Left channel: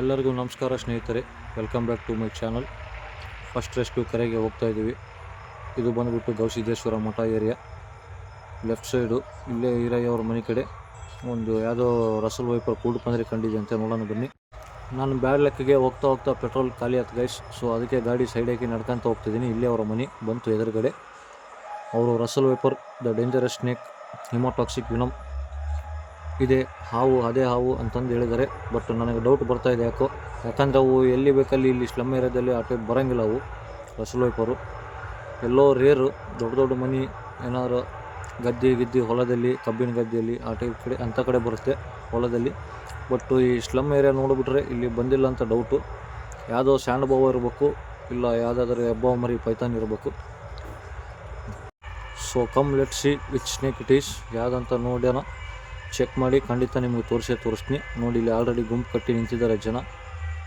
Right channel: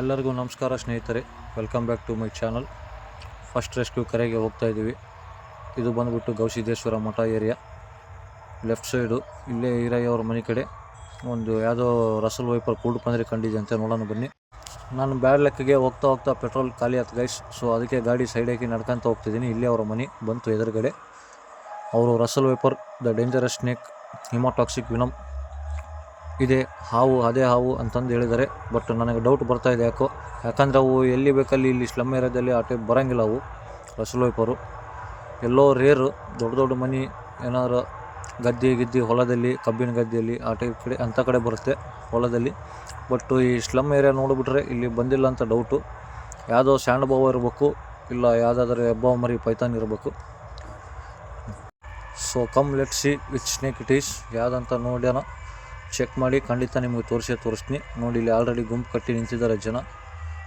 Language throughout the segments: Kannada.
ಎಲ್ಲರಿಗೂ ನಮಸ್ಕಾರ ಸ್ನೇಹಿತರೆ, welcome back to my channel. First rescue ಕರೆಗೆ ಹೋಗ್ತಾ ಇದ್ದೀವಿ. ಇದು ಬಂದುಬಿಟ್ಟು ಗವಿಸಿದ್ದೇಶ್ವರ ಮಠ ಏರಿಯಾ. ಲೆಫ್ಟ್ ಸೈಡು ಇಲ್ಲೇ ಈರಯ್ಯವ್ರ ಮನೆ ಕಡೆ ಒಂದು ಯಾವುದೋ ರಸಲ್ ವೈಪರ್ ಕೂಡು ಪಂದ್ರೆ ಕಂಡಿದೆ ಅಂತ ನೋಡೋಣ ಬನ್ನಿ. ನಾನು ಬ್ಯಾಡ್ ಲೆಕ್ಕಗೆ ಹೋಗ್ತಾ ಪೆಟ್ರೋಲ್ ಖಾಲಿ ಆಯ್ತು ಗೈಸ್. ಸೊ ಅದಕ್ಕೆ ಗಾಡಿ ಸೈಡ್ ಹಾಕಿ ನಡ್ಕೊತ ಹೋಗ್ತಿದ್ದೀನಿ. ಇಲ್ಲೇ ಅವರ ಮನೆ ಬಂತು ಎದುರುಗಡೆ. ಅವರು Russell wiper, the dangerous snake, haemotoxic venom ಇದೆ, ಹಾವು ಅದೇ ಹಾವು ಅಂತಂದು ಹೇಳಿದ್ದಾರೆ. ಬಟ್ ನನಗೆ ಡೌಟ್ ಬರ್ತಾಯಿದೆ ಯಾಕಂದರೆ ಅವು ಎಲ್ಲಿ ಬೇಕಲ್ಲಿ ಇಲ್ಲಿ ಸ್ಲಮ್ ಏರಿಯಾದಲ್ಲಿ ಆ ಟೈಪ್ ಬರೋಂಗಿಲ್ಲ. ಅವು ರಸಲ್ ವೈಪರು ಎಲ್ಲೋ ರೇರು, ದೊಡ್ಡ ಮನೆ ಏನಾರು ಗದ್ದೆ ಹೊಲದಲ್ಲಿ, ಕಬ್ಬಿನ ಗದ್ದೆಯಲ್ಲಿ ಆ ಟೈಪ್ ಕಡೆ ಅಂಥ ಕಡೆ ಬರುತ್ತೆ ಹೊಲದಲ್ಲಿ. ಬಟ್ ಈ ಸ್ಲಮ್ ಏರಿಯಾ ನೋಡಿಬಿಟ್ರೆ ಇಲ್ಲಿ ಬಂದಿಲ್ಲ ಅಂತ ಡೌಟು. ಯಾವುದೋ ಸ್ಯಾಂಡ್ ಬಾವ ಇರಬೇಕು, ಇಲ್ಲ ಯಾವುದಾದ್ರೂ ಹೆಬ್ಬಾವು ಮರಿ ಪೈಥಾನ್ ಇರಬೇಕು. So come let see which snake it is, ಯಾವುದಂತ ನೋಡ್ಯಾನ ಚೆಕ್ ಮಾಡಿ ಖಂಡಿತ ನಿಮಗೆ ತೋರಿಸ್ತೀನಿ. ನೋಡಿ ಇಲ್ಲಿ ಆಲ್ರೆಡಿ ಗುಂಪು ಕಟ್ಟಿ ನಿಂತಿದ್ದಾರೆ ಜನ.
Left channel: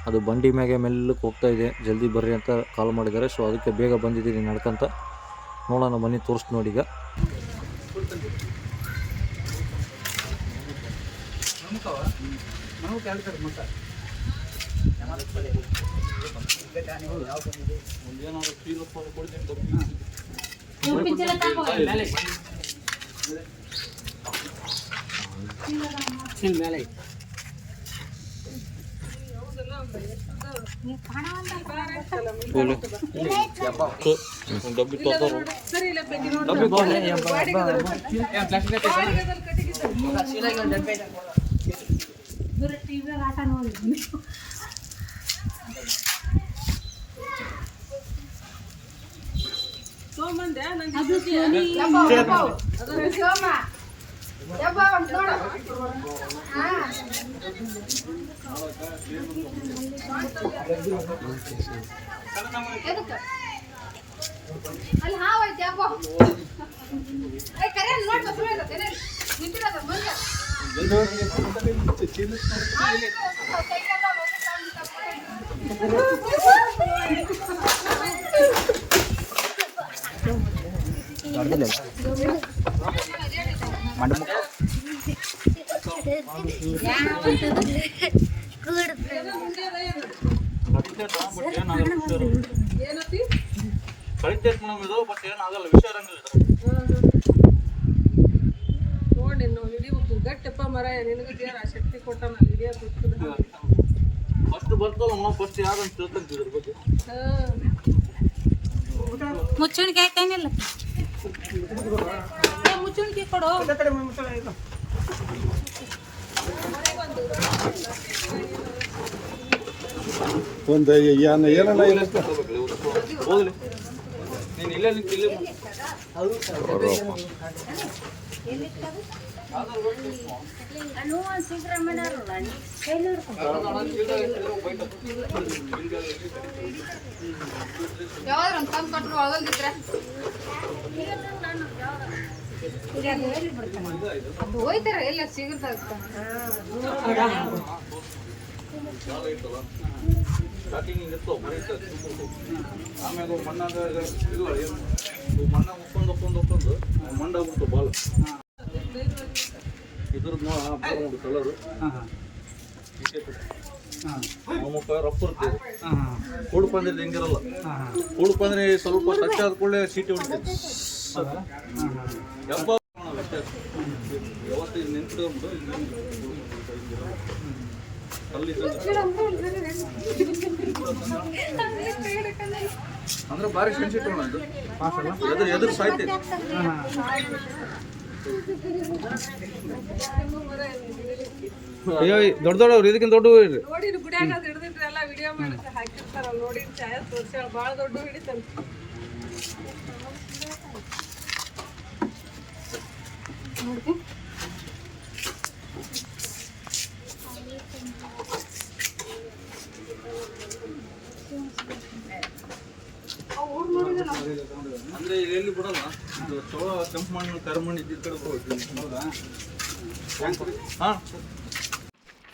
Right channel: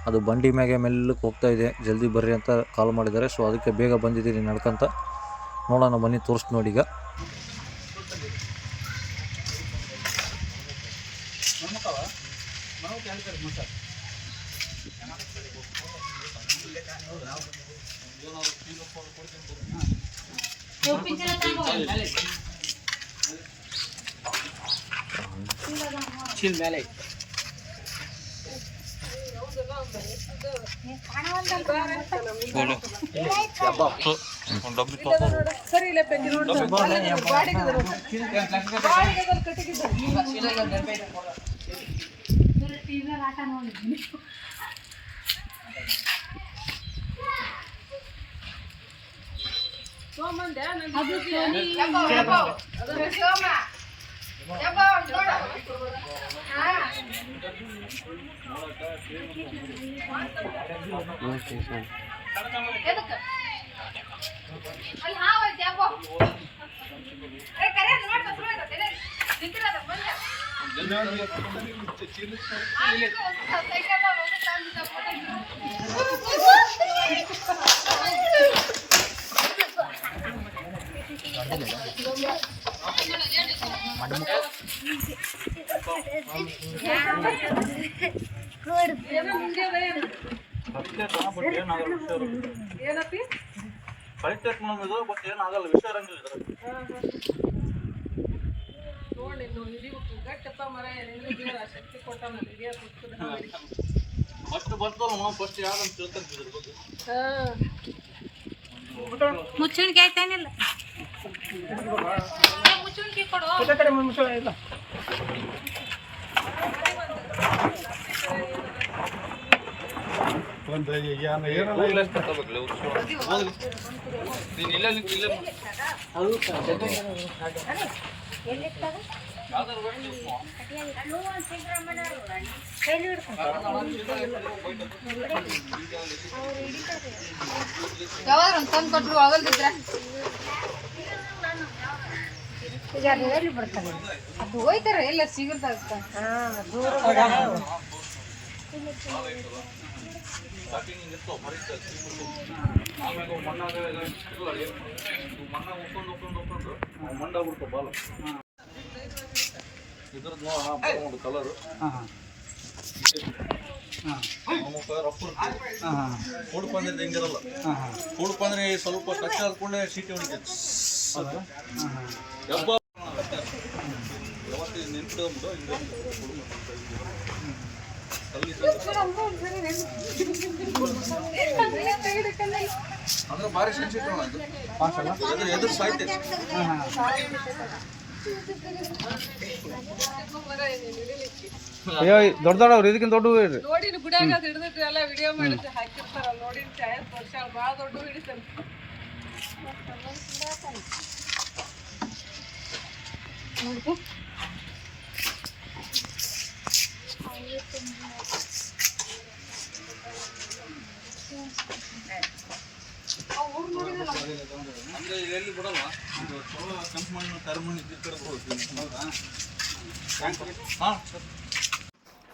ಅದು ಬಂಡಿ ಮ್ಯಾಗೆ ಮೆಲ್ಲಕ್ಕೆ ಹೋಗ್ತಾ ಇದೆ, ಜಲ್ದಿ ಬರ್ರಿ ಅಂತ ಕಾಲ್ ಮಾಡಿದ್ದಾರೆ. ಸೊ ಅದಕ್ಕೆ ಬೇಗ ಬಂದಿದ್ದೀನಿ ನಡ್ಕೊಂತ. ನೋಡೋಣ ಬನ್ನಿ, ತೋರಿಸ್ತೀನಿ ನೋಡಿ. ಈಗ ಚಿಲ್ ಮೇಲೆ ಅಲ್ಲಿ ಹಾವು ಐತೆ ಅಪ್ಪ. ಏ ಕರೆ ನೋಡಿ ಬಸ್ ಹೋಯ್ತು ನಿಂತಿರೋದು ಬಂದ ಕಳಿತೈತೆ ಮೇಡಮ್ ಇದು. ಬಟ್ ಏನಾಗಲ್ಲ, ವಿಷಯ ಇರಂಗಿಲ್ಲ ಇದ್ರ. ನೋಡಿ ನೀವು ಹಿಡಿಬೇಕು ಗಟ್ಟಪ್ಪ ಮರ, ನಿನಗೆ ದೇವ್ರ ಶಕ್ತಿ ಕೊಟ್ಟಾನಲ್ಲಿ ಹಿಡಿಯೋದು. ಫಸ್ಟ್ ಬರ್ತಲ್ಲ ನಾವು ಫಸ್ಟ್ ಯಾವ್ದಂತ ತಿಳ್ಕೊಂತೀವಿ ಇದ್ರ ಬಗ್ಗೆ. ಮುಚ್ಚುಣಿಕೆ ಐತೇನಿಲ್ಲ, ಮುಚ್ಚುಣಿಕೆ ಕೊಡು. ಒಂದು ಏನನ್ನ ಹೋಗ್ಲಿ ನೀನು ಇಲ್ಲೇ ಇಲ್ಲೇ ಯಾವಾಗ ಒಂದು ತಂದು ಕೊಟ್ಟರು ಒಳಗಲ್ದಿದ್ರ ಹೋಯ್ತಾರ ಎಲ್ಲ ಸಿಗುತ್ತ. ಸ್ಟಾರ್ಟಿಂಗ್ ಇರ್ತವೆ ಮರೀತ ಆಮ್ಯಾಗ ಮಣ್ಣಾಗ ಇಲ್ಲ ಏನು ಮಣ್ಣಾಗ ಒಪ್ಕೊಂಡು ಮಂಡಾಗ್ಬಿಡ್ತಾವೆ ಬಾಲ್. ಇದ್ರದ್ದು ನೋಡಿ ಕಲರು ನಮಗೆ ರಫ್ ಇರ್ತದೆ. ಕೂಡು ಪಂದ್ರೆ ಹಿಂಗಿರಲ್ಲ. ಕೂಡು ಪಂದ್ರೆ ಸ್ವಲ್ಪ ಟಚ್ ಆದ ಕೂಡಲೇ ಸೀಟಿ ಹೊಡಿತೈತಿ. ವ್ಯತ್ಯಾಸ ಯಾವತ್ತು ನಿಂತ್ಬಿಟ್ಟು ಅಂದ್ರೆ ಭಾರಿ ಸೆನ್ಸಿಟಿವ್ ಅದು ಎದುರು ಸಾಯ್ತೈತಿ. ದೊಡ್ಡವ್ರು ಇದಕ್ಕಿಂತ ದೊಡ್ಡ ನೋಡಿ ಗುಡಿಯಾಗ ಹಿಡಿದಿಟ್ರಿ ಎಲ್ಲ ವಿಡಿಯೋ ಮಾಡಿ ಹಾಕಿರ್ತಾರ. ನೋಡಿ ಛಾಯ ತೋರ್ಸ್ಯಾಳ, ಭಾಳ ದೊಡ್ಡ ಹಿಡಿತಾನೆ. ಅಂದ್ರೆ ಈಗ ಎಲ್ಲಿ ಬಿಡಲ್ಲ, ಇದು ಚಲೋ ಕೆಂಪು ಮಣ್ಣು ಕರಿಮಣ್ಣು ಇದ್ದ ಕಡೆ ಹೋಗ್ತೀನಿ. ಹೌದಾ? ಹಾಂ ಸರ್.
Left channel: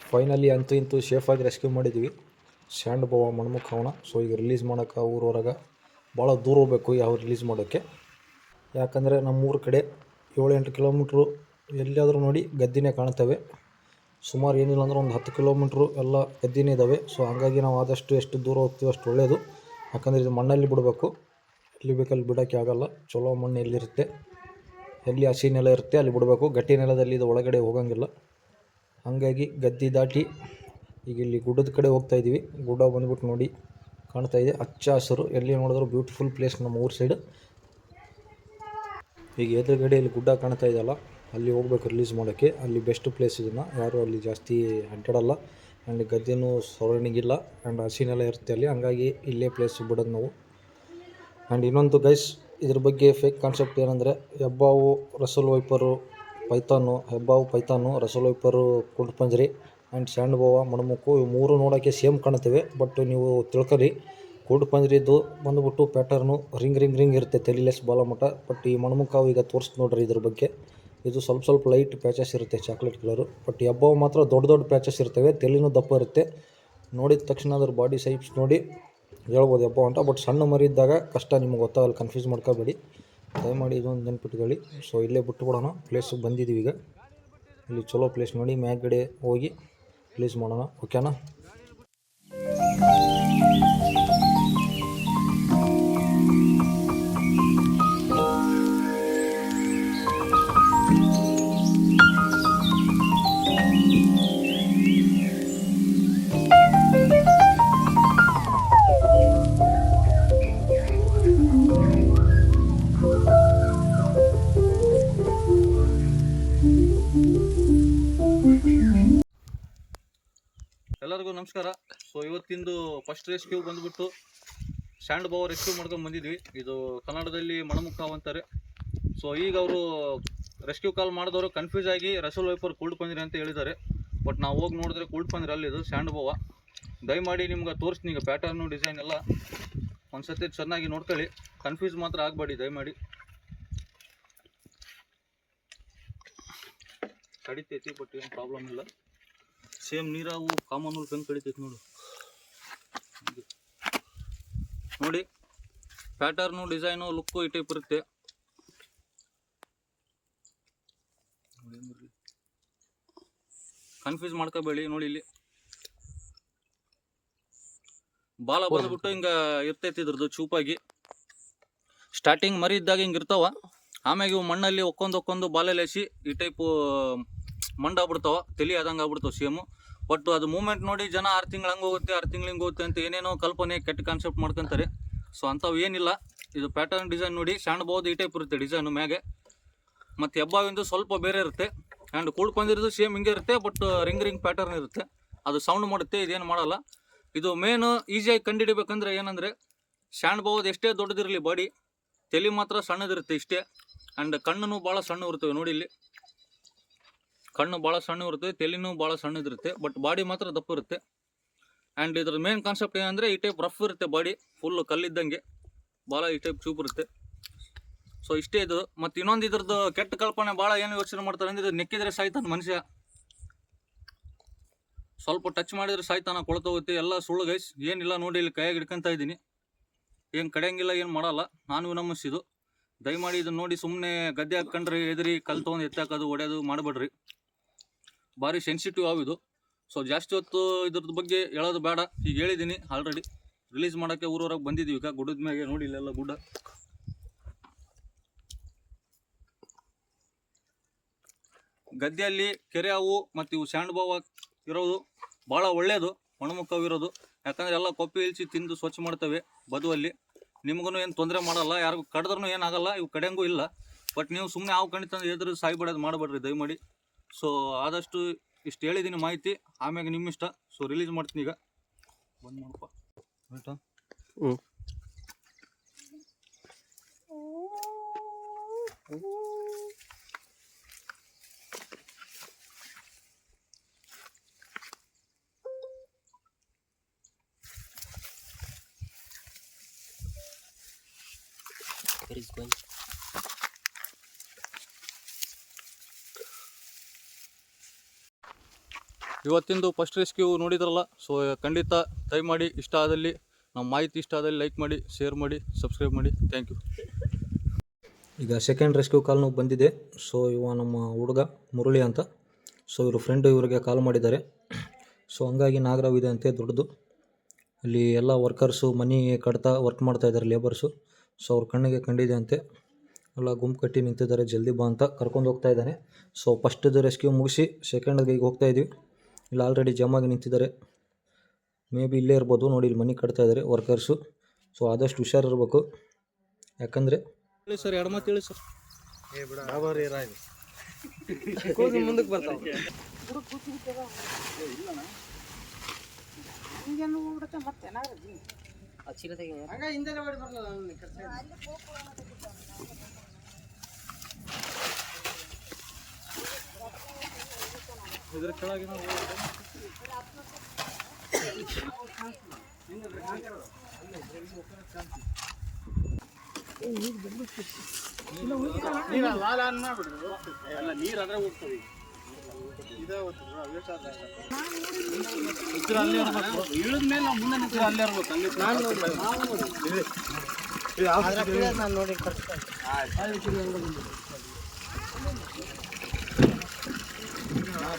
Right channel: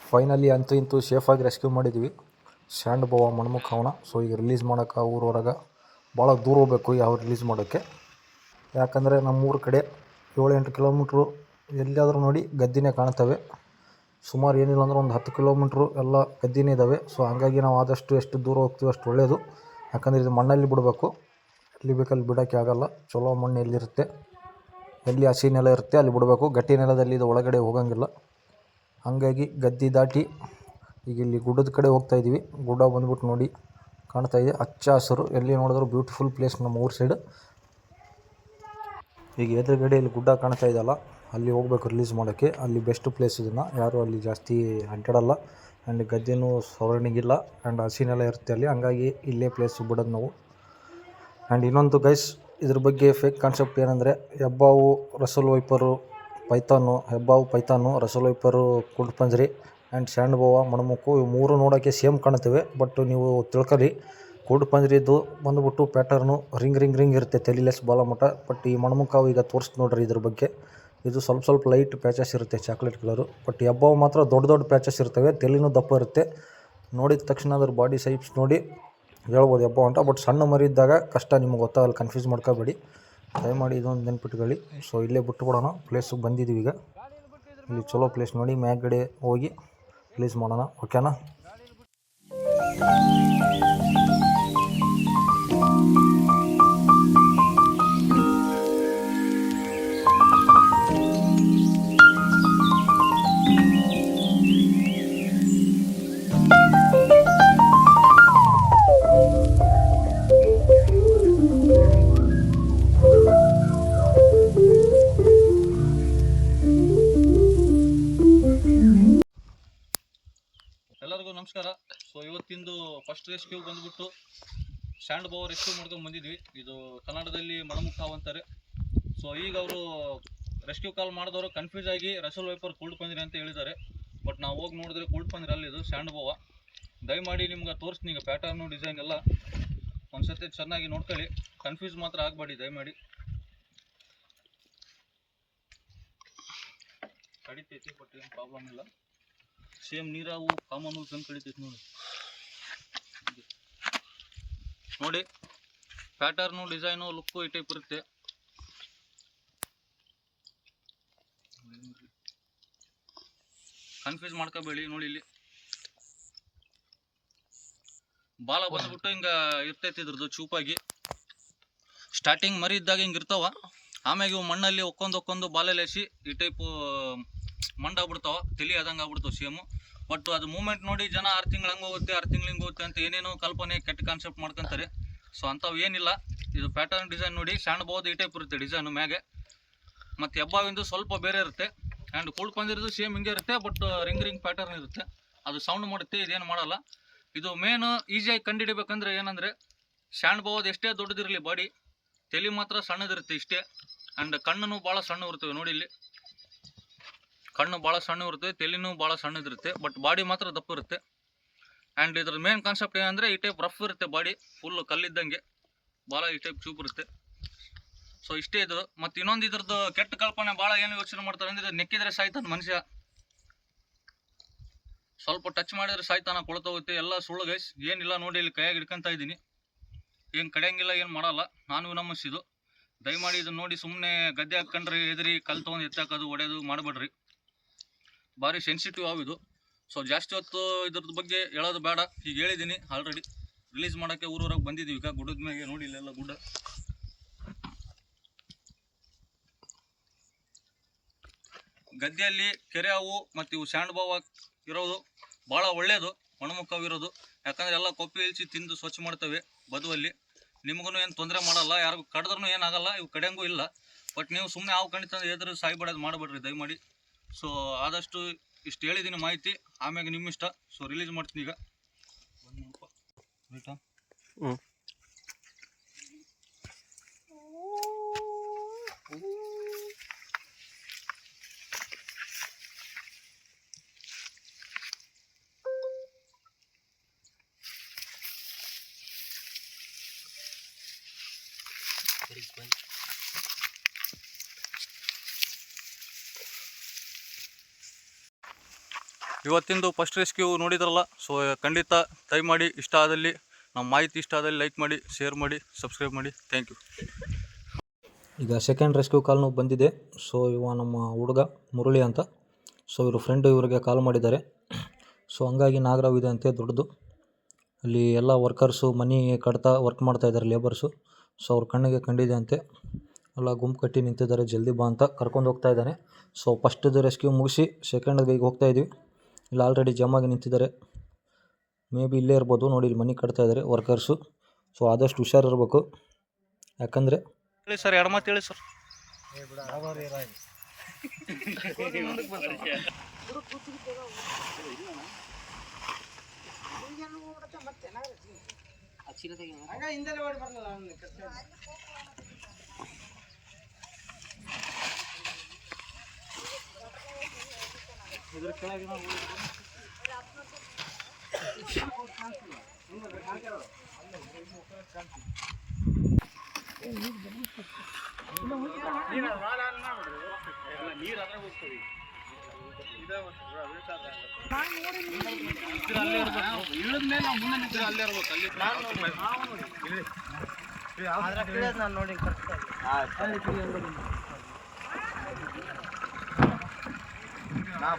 ಫೈನಲಿ ಅಂತೂ ಇಂತೂ ಸೇಫಾಗಿ ರೆಸ್ಕ್ಯೂ ಮಾಡಿದ್ವಿ. ಸ್ಯಾಂಡ್ ಬಾವ ಮಣ್ಮುಖ ಅವನ. ಸೊ ಈಗ ರಿಲೀಸ್ ಮಾಡೋಕೆ ಊರವರೆಗೆ ಭಾಳ ದೂರ ಹೋಗ್ಬೇಕು ಯಾವ ರಿಲೀಸ್ ಮಾಡೋಕ್ಕೆ. ಯಾಕಂದರೆ ನಮ್ಮೂರ ಕಡೆ 7-8 ಕಿಲೋಮೀಟ್ರು ಎಲ್ಲಿಯಾದರೂ ನೋಡಿ ಗದ್ದಿನೇ ಕಾಣ್ತವೆ. ಸುಮಾರು ಏನಿಲ್ಲ ಅಂದ್ರೆ ಒಂದು 10 ಕಿಲೋಮೀಟ್ರು ಎಲ್ಲ ಗದ್ದಿನೇ ಇದ್ದಾವೆ. ಸೊ ಹಾಗಾಗಿ ನಾವು ಆದಷ್ಟು ಎಷ್ಟು ದೂರ ಹೋಗ್ತೀವಿ ಅಷ್ಟು ಒಳ್ಳೆಯದು. ಯಾಕಂದರೆ ಇದು ಮಣ್ಣಲ್ಲಿ ಬಿಡಬೇಕು, ಎಲ್ಲಿ ಬೇಕಲ್ಲಿ ಬಿಡೋಕ್ಕೆ ಆಗಲ್ಲ. ಚಲೋ ಮಣ್ಣು ಎಲ್ಲಿರುತ್ತೆ, ಎಲ್ಲಿ ಹಸಿ ನೆಲ ಇರುತ್ತೆ ಅಲ್ಲಿ ಬಿಡಬೇಕು. ಗಟ್ಟಿ ನೆಲದಲ್ಲಿ ಇದು ಒಳಗಡೆ ಹೋಗೋಂಗಿಲ್ಲ. ಹಾಗಾಗಿ ಗದ್ದೆ ದಾಟಿ ಈಗ ಇಲ್ಲಿ ಗುಡ್ಡದ ಕಡೆ ಹೋಗ್ತಾಯಿದ್ದೀವಿ. ಗುಡ್ಡ ಬಂದ್ಬಿಟ್ಟು ನೋಡಿ ಕಾಣ್ತಾಯಿದೆ, ಹಚ್ಚ ಹಸಿರು, ಎಲ್ಲಿ ನೋಡಿದ್ರು ಬ್ಯೂಟಿಫುಲ್ ಪ್ಲೇಸ್ ನಮ್ಮ ಊರ ಸೈಡ್. ಈಗ ಎದುರುಗಡೆ ಇಲ್ಲಿ ಗುಡ್ಡ ಕಾಣ್ತಾ ಇದೆಯಲ್ಲ, ಅಲ್ಲಿ ಹೋಗ್ಬೇಕು ರಿಲೀಸ್ ಮಾಡೋಕ್ಕೆ. ಅಲ್ಲಿ ಬೆಸ್ಟ್ ಪ್ಲೇಸ್ ಇದನ್ನು, ಯಾರು ಅಲ್ಲಿ ಜಾಸ್ತಿ ಅಡ್ಡಾಡಲ್ಲ. ಆ್ಯಂಡ್ ಗದ್ದೆನೂ ಸರೌಂಡಿಂಗ್ ಇಲ್ಲ ಆ್ಯಂಡ್ ಹಸಿನೆಲ್ಲ ಇರುತ್ತೆ ಅಲ್ಲಿ. ಹಂಗಾಗಿ ಇಲ್ಲೇ ಪ್ಲೇಸ್ ಬಿಡೋದು ನಾವು. ಆ್ಯಂಡ್ ಇನ್ನೊಂದು ಗೈಸ್, ಇದ್ರ ಬಗ್ಗೆ ಫೇಕ್ ಕಾನ್ಸೆಪ್ಟ್ ಏನಂದರೆ ಹೆಬ್ಬಾವು, ರಸಲ್ ವೈಪರು, ಪೈಥಾನು, ಹೆಬ್ಬಾವು ಪೈಥಾನು, ರಸಲ್ ವೈಪರು, ಕುಡ್ಪಂಜರಿ ಆ್ಯಂಡ್ ಸ್ಯಾಂಡ್ ಬೋವಾ, ಮಣಮುಕ್ಕು, ಇವು ಮೂರು ನೋಡೋಕ್ಕೆ ಸೇಮ್ ಕಾಣ್ತವೆ. ಬಟ್ ನೀವು ತಿಳ್ಕೊಳ್ಳಿ, ಕುಡ್ಪಂಜರಿದು ಬಂದುಬಿಟ್ಟು ಪ್ಯಾಟರ್ನು ರಿಂಗ್ ಇರುತ್ತೆ, ತೆಲಿಲೆಸ್ ಬಾಲ ಮಟ್ಟ. ಬಟ್ ಈ ಮಣಮುಕ್ಕಾವು ಈಗ ತೋರಿಸ್ತು ನೋಡ್ರಿ ಇದ್ರ ಬಗ್ಗೆ. ಇದು ಸ್ವಲ್ಪ ಲೈಟ್ ಪ್ಯಾಚಸ್ ಇರುತ್ತೆ, ಚಾಕ್ಲೇಟ್ ಕಲರು. ಬಟ್ ಹೆಬ್ಬಾವು ಮಾತ್ರ ದೊಡ್ಡ ಪ್ಯಾಚಸ್ ಇರ್ತವೆ, ತೆಲಿನೂ ದಪ್ಪ ಇರುತ್ತೆ. ನೋಡಿದ ತಕ್ಷಣ ಅದ್ರ ಬಾಡಿ ಸೈಪ್ಸ್ ನೋಡಿ ಹೇಳ್ಬೋದು ಹೆಬ್ಬಾವು ಅಂತ. ಬಟ್ ಸಣ್ಣ ಮರಿದ್ದಾಗ ಕಷ್ಟ, ನಿಮಗೆ ಗೊತ್ತಾಗಲ್ಲ, ಕನ್ಫ್ಯೂಸ್ ಮಾಡ್ಕೋಬೇಡಿ ದಯಮಾಡಿ, ಇದೊಂದು ನೆನ್ಪಿಟ್ಕೊಳ್ಳಿ. ಸೊ ಇಲ್ಲೇ ಬಿಟ್ಬಿಡೋಣ, ಪ್ಲೇಸಿಗೆ ಬಂದಿದ್ದೀವಿ ಈಗ. ಇಲ್ಲಿ ಚಲೋ ಪ್ಲೇಸ್ ನೋಡಿ ಮ್ಯಾಗಡೆ ಹೋಗಿ ರಿಲೀಸ್ ಮಾಡೋಣ, ಓಕೆನಾ? ಎಲ್ಲರಿಗೂ ನಮಸ್ಕಾರ. ಸೊ ಇವತ್ತಿಂದು ಫಸ್ಟ್ ರೆಸ್ಕ್ಯೂ ಬಂದುಬಿಟ್ಟು ಸ್ಯಾಂಡ್ ಬೋವಾ ರೆಸ್ಕ್ಯೂ ಮಾಡ್ಕೊಂಡು ಬಂದಿದ್ವಿ. ಇದು ಕನ್ನಡದಲ್ಲಿ ಮಣಮುಕ್ಕಾವು ಅಂತಾರೆ. ಸೊ ಈಗ ಅವರು ರೆಸ್ಕ್ಯೂ ಕಾಲ್ ಮಾಡಿದವರು ಕನ್ಫ್ಯೂಸ್ ಆಗಿ ರಸಲ್ ವೈಪರ್ ಕುಲ್ಡ್ ಪಂಜರಿ ಅಂತ ಹೇಳಿದ್ದಾರೆ. ಬಟ್ ನಾವು ಹೋಗಿ ನೋಡಿದ್ರೆ ಕುಲ್ಡ್ ಪಂಜರಿ ಅಲ್ಲಿದು ಸ್ಯಾಂಡ್ ಬೋವಾ. ದಯಮಾಡಿ ನಿಮ್ಗೆ ತೋರಿಸ್ತೀನಿ ಈಗ ಪ್ಯಾಟರ್ನು ಡಿಸೈನ್ ಎಲ್ಲ. ಒಂದ್ಸತಿ ಚೆನ್ನಾಗಿ ನೋಡ್ಕೊಳ್ಳಿ, ಕನ್ಫ್ಯೂಸ್ ಮಾತ್ರ ಆಗಬೇಡಿ ದಯಮಾಡಿ. ಕಡಿತೈತಿ ಬಟ್ ಏನು ಪ್ರಾಬ್ಲಮ್ ಇಲ್ಲ. ಸೇಮ್ ನೀರಾವು ಕಾಮನ್ ತಂದು ಕಡಿತೈತಿ ನೋಡಿ. ಪ್ಯಾಟರ್ನು ಡಿಸೈನು ಲುಕ್ಕು ಈ ಟೈಪ್ ಇರುತ್ತೆ. ಕನ್ಫ್ಯೂಸ್ ಮಾಡ್ಕೋಬೇಡಿ. ನೋಡಿ ಇಲ್ಲಿ ಬಾಲ ಬಂದ್ಬಿಟ್ಟು ಹಿಂಗೆ ಇರ್ತೈತಿ, ಇದ್ರದ್ದು ಚೂಪಾಗಿ. ಸ್ಟಾರ್ಟಿಂಗ್ ಮರಿ ಇದ್ದಾಗ ಹಿಂಗೆ ಇರ್ತಾವ. ಆಮ್ಯಾಗ ಇವು ಮಣ್ಣಲ್ಲಿ ಒಕ್ಕೊಂದು ಬಾಲೆಲೇಸಿ ಈ ಟೈಪು ಮಂಡಾಗ್ಬಿಡ್ತಾವ, ತಲೆ ಆದಂಗೆ ಆಗ್ಬಿಡ್ತಾವೆ ಸೇಮು. ಬಟ್ ಅದು ಮೂಮೆಂಟ್ ನೋಡಿ ಜನ 6 ತಿಂಗಳು ಹಂಗೆ ಹೋಗುತ್ತೆ, 6 ತಿಂಗಳು ಹಿಂಗೆ ಹೋಗುತ್ತೆ ಅಂತ ಏನೇನೋ ಕಲ್ಪನೆ, ಕೆಟ್ಟ ಕಾನ್ಸೆಪ್ಟ್ ಮಾಡ್ಕೊತಾರೆ. ಸೊ ಅಂಥವು ಏನಿಲ್ಲ. ಇದು ಪ್ಯಾಟರ್ನ್ ಡಿಸೈನ್ ನೋಡಿ, ಸ್ಯಾಂಡ್ ಬೋವಾದು ಈ ಟೈಪ್ ಇರುತ್ತೆ ಡಿಸೈನು ಮ್ಯಾಗೆ. ಮತ್ತು ಹೆಬ್ಬಾವಿಂದು ಸ್ವಲ್ಪ ಬೇರೆ ಇರುತ್ತೆ. ಆ್ಯಂಡ್ ಕುಲ್ಡ್ ಪಂಜರಿದು ಸೇಮ್ ಹಿಂಗೆ ಇರುತ್ತೆ, ಬಟ್ ರಿಂಗ್ ಪ್ಯಾಟರ್ನ್ ಇರುತ್ತೆ. ಅದು ಸೌಂಡ್ ಮಾಡುತ್ತೆ, ಇದೇನು ಮಾಡಲ್ಲ. ಇದು ಮೇನು ಈಸಿಯಾಗಿ ಕಂಡುಹಿಡಿಬೇಕಂದ್ರೆ ಏನಂದರೆ, ಸ್ಯಾಂಡ್ ಬೋವಾದು ಎಷ್ಟೇ ದೊಡ್ಡದಿರಲಿ ಬಾಡಿ, ತಲೆ ಮಾತ್ರ ಸಣ್ಣದಿರುತ್ತೆ ಇಷ್ಟೇ. ಆ್ಯಂಡ್ ಕಣ್ಣು ಭಾಳ ಸಣ್ಣ ಇರ್ತವೆ ನೋಡಿ ಇಲ್ಲಿ. ಕಣ್ಣು ಭಾಳ ಸಣ್ಣ ಇರುತ್ತೆ, ತಲೆನೂ ಭಾಳ ಸಣ್ಣದಿರುತ್ತೆ, ಬಟ್ ಬಾಡಿ ಮಾತ್ರ ದಪ್ಪ ಇರುತ್ತೆ. ಆ್ಯಂಡ್ ಇದ್ರ ಮೇನ್ ಕಾನ್ಸೆಪ್ಟ್ ಏನಂದರೆ ಈ ಟೈಪ್ ರಫ್ ಇರುತ್ತೆ ಬಾಡಿ, ಫುಲ್ಲು ಕಲ್ಲಿದ್ದಂಗೆ, ಭಾಳ ಈ ಟೈಪ್ ಚೂಪ್ ಇರುತ್ತೆ. ಸೊ ಇಷ್ಟೇ ಇದು. ಮತ್ತು ಇನ್ನೊಂದು ಇದ್ರದ್ದು ಕೆಟ್ಟ ಕಲ್ಪನೆ ಭಾಳ ಏನು ಯೋಚನೆ ಮಾಡ್ತಾರೆ ಅಂದರೆ, ಇದು ನೆಕ್ಕಿದ್ರೆ ಸಾಯ್ತಾನೆ ಮನುಷ್ಯ, ಸ್ವಲ್ಪ ಟಚ್ ಮಾಡಿದರೆ ಸಾಯ್ತಾನ, ಕೊಳ್ತೋಗುತ್ತೆ. ಎಲ್ಲ ಸುಳ್ಳು ಗೈಸ್, ಏನಿಲ್ಲ ನೋಡಿ ಇಲ್ಲಿ ಕೈಯಾಗಿ ಹಿಡ್ಕೊತಾ ಇದ್ದೀನಿ. ಏನು ಕಡಿಯಂಗಿಲ್ಲ, ಏನು ಮಾಡಲ್ಲ. ನಾನು ನಮಸ್ಸಿದು. ದಯಮಾಡಿ ಇದನ್ನು ನೋಡಿ ಸುಮ್ಮನೆ ಗದ್ದೆ ಹಾಕ್ಕೊಂಡ್ರೆ ಎದುರಿ ಕಲ್ಲು ತೊಗೊಂಡು ಎತ್ತಾಕೋದು ಹೊಡೆಯೋದು ಮಾಡಬೇಡ್ರಿ. ಭಾರಿ ಸೆನ್ಸಿಟಿವ್ ಆವಿದು. ಸೊ ಜಾಸ್ತಿ ಹೊತ್ತು ಇದ್ರದ್ದು ಬಗ್ಗೆ ಹೇಳೋದು ಬೇಡ, ಈಗ ಹೇಳಿದ್ದೀನಿ ಆಲ್ರೆಡಿ. ರಿಲೀಸ್ ಮಾಡೋಕ್ಕೆ ಊರವರೆಗೆ ಬಂದಿದ್ದೀವಿ ಈಗ ಗುಡ್ಡದ ಮ್ಯಾಗೆ. ನೋಡಿ ಇಲ್ಲೆಲ್ಲ ಗುಡ್ಡ. ಗದ್ದೆಯಲ್ಲಿ ಕೆರೆ ಹಾವು ಮತ್ತು ಇವು ಸ್ಯಾಂಡ್ ಬೋವಾ ಇರೋದು ಭಾಳ ಒಳ್ಳೆಯದು, ಮಣಮುಕ್ಕಾವು ಇರೋದು. ಯಾಕಂದರೆ ಎಲ್ಲ ಕೊಪ್ಪಿ ಇಳಿಸಿ ತಿಂದು ಸ್ವಚ್ಛ ಮಾಡ್ತವೆ ಬದುವಲ್ಲಿ. ನಿಮಗೂ ಏನು ತೊಂದರೆ ಮಾಡಲ್ಲ, ಯಾರಿಗೂ ಕಡಿದ್ರೂ ಏನಾಗಲ್ಲ, ಇವು ಕಡೆಯಂಗೂ ಇಲ್ಲ. ಬಟ್ ನೀವು ಸುಮ್ಮನೆ ಹಾವು ಕಣಿತಂದ್ರೆ ಎದುರು ಸಾಯ್ಬಿಡೋದು ಮಾಡಬೇಡ್ರಿ ದಯಮಾಡಿ. ಸೊ ಆದಷ್ಟು ಇಷ್ಟು ಹೇಳಿದ್ದೀನಿ ಮಾಹಿತಿ, ಆಮ್ಯಾಗ ನಿಮ್ಮ ಇಷ್ಟ. ಸೊ ರಿಲೀಸ್ ಮಾಡ್ತೀನಿ ಈಗ. ಬಂದು ಮಾಡಪ್ಪ ರೈಟಾ. ಇವತ್ತಿಂದು ಫಸ್ಟ್ ರೆಸ್ಕ್ಯೂ ನೋಡಿದ್ರಲ್ಲ. ಸೊ ಖಂಡಿತ ದಯಮಾಡಿ ಇಷ್ಟ ಆದಲ್ಲಿ, ನಮ್ಮ ಮಾಹಿತಿ ಇಷ್ಟ ಆದಲ್ಲಿ ಲೈಕ್ ಮಾಡಿ, ಶೇರ್ ಮಾಡಿ, ಸಬ್ಸ್ಕ್ರೈಬ್ ಮಾಡಿ. Thank you. ಈಗ ಸೆಕೆಂಡ್ ರೆಸ್ಕ್ಯೂ ಕಾಲ್ನು ಬಂದಿದೆ. ಸೊ ಇವ ನಮ್ಮ ಹುಡುಗ ಮುರಳಿ ಅಂತ. ಸೊ ಇವರು ಫ್ರೆಂಡು ಇವರಿಗೆ ಕಾಲ್ ಮಾಡಿದ್ದಾರೆ. ಸೊ ಹಂಗಾಗಿ ನಾಗರಾವ್ ಇದೆ ಅಂತೆ ದೊಡ್ಡದು. ಅಲ್ಲಿ ಎಲ್ಲ ವರ್ಕರ್ಸು ಮನಿ ಕಟ್ತಾ ವರ್ಕ್ ಮಾಡ್ತಾಯಿದ್ದಾರೆ ಲೇಬರ್ಸು. ಸೊ ಅವ್ರ ಕಣ್ಣಿಗೆ ಕಂಡಿದೆ ಅಂತೆ. ಎಲ್ಲ ಗುಂಪು ಕಟ್ಟಿ ನಿಂತಿದ್ದಾರೆ, ಜಲ್ದಿ ಬಾ ಅಂತ ಕರ್ಕೊಂಡು ಹೋಗ್ತಾ ಇದ್ದಾನೆ. ಸೊ ಫಸ್ಟ್ದು ರೆಸ್ಕ್ಯೂ ಮುಗಿಸಿ ಸೆಕೆಂಡ್ಗೆ ಈಗ ಹೋಗ್ತಾ ಇದ್ದೀವಿ. ಇಲ್ಲಿ ಆಲ್ರೆಡಿ ಜಮ್ ಆಗಿ ನಿಂತಿದ್ದಾರೆ. ಮೇ ಬಿ ಇಲ್ಲೇ ಇರ್ಬೋದು. ನೋಡಿ ಇಲ್ಲಿ ಮನೆ ಕಟ್ತಾ ಇದ್ದಾರೆ ವರ್ಕರ್ಸು. ಸೊ ಆದಷ್ಟು ಹುಷಾರಿರ್ಬೇಕು. ಯಾಕಂದರೆ ಹೇಳಿ ಸರ್, ಎರಡು ಮಾತು ಹೇಳಿ ಸರ್. ಮುಂದಕ್ಕೆ ಬರ್ತಾವ. ಹಂಗ ಹಿಂದೆನೆ ಓಡಿ ಬರಲ್ಲ ಇದ್ರ ಕೆಳಗಿನ ಇಳಿದ್ಮೇಲೆ ನಾವು ಮುಂದೆ ನಿಂತೀವಿ, ಅಲ್ಲೇ ಇರ್ಬೇಕು. ಅಲ್ಲಿ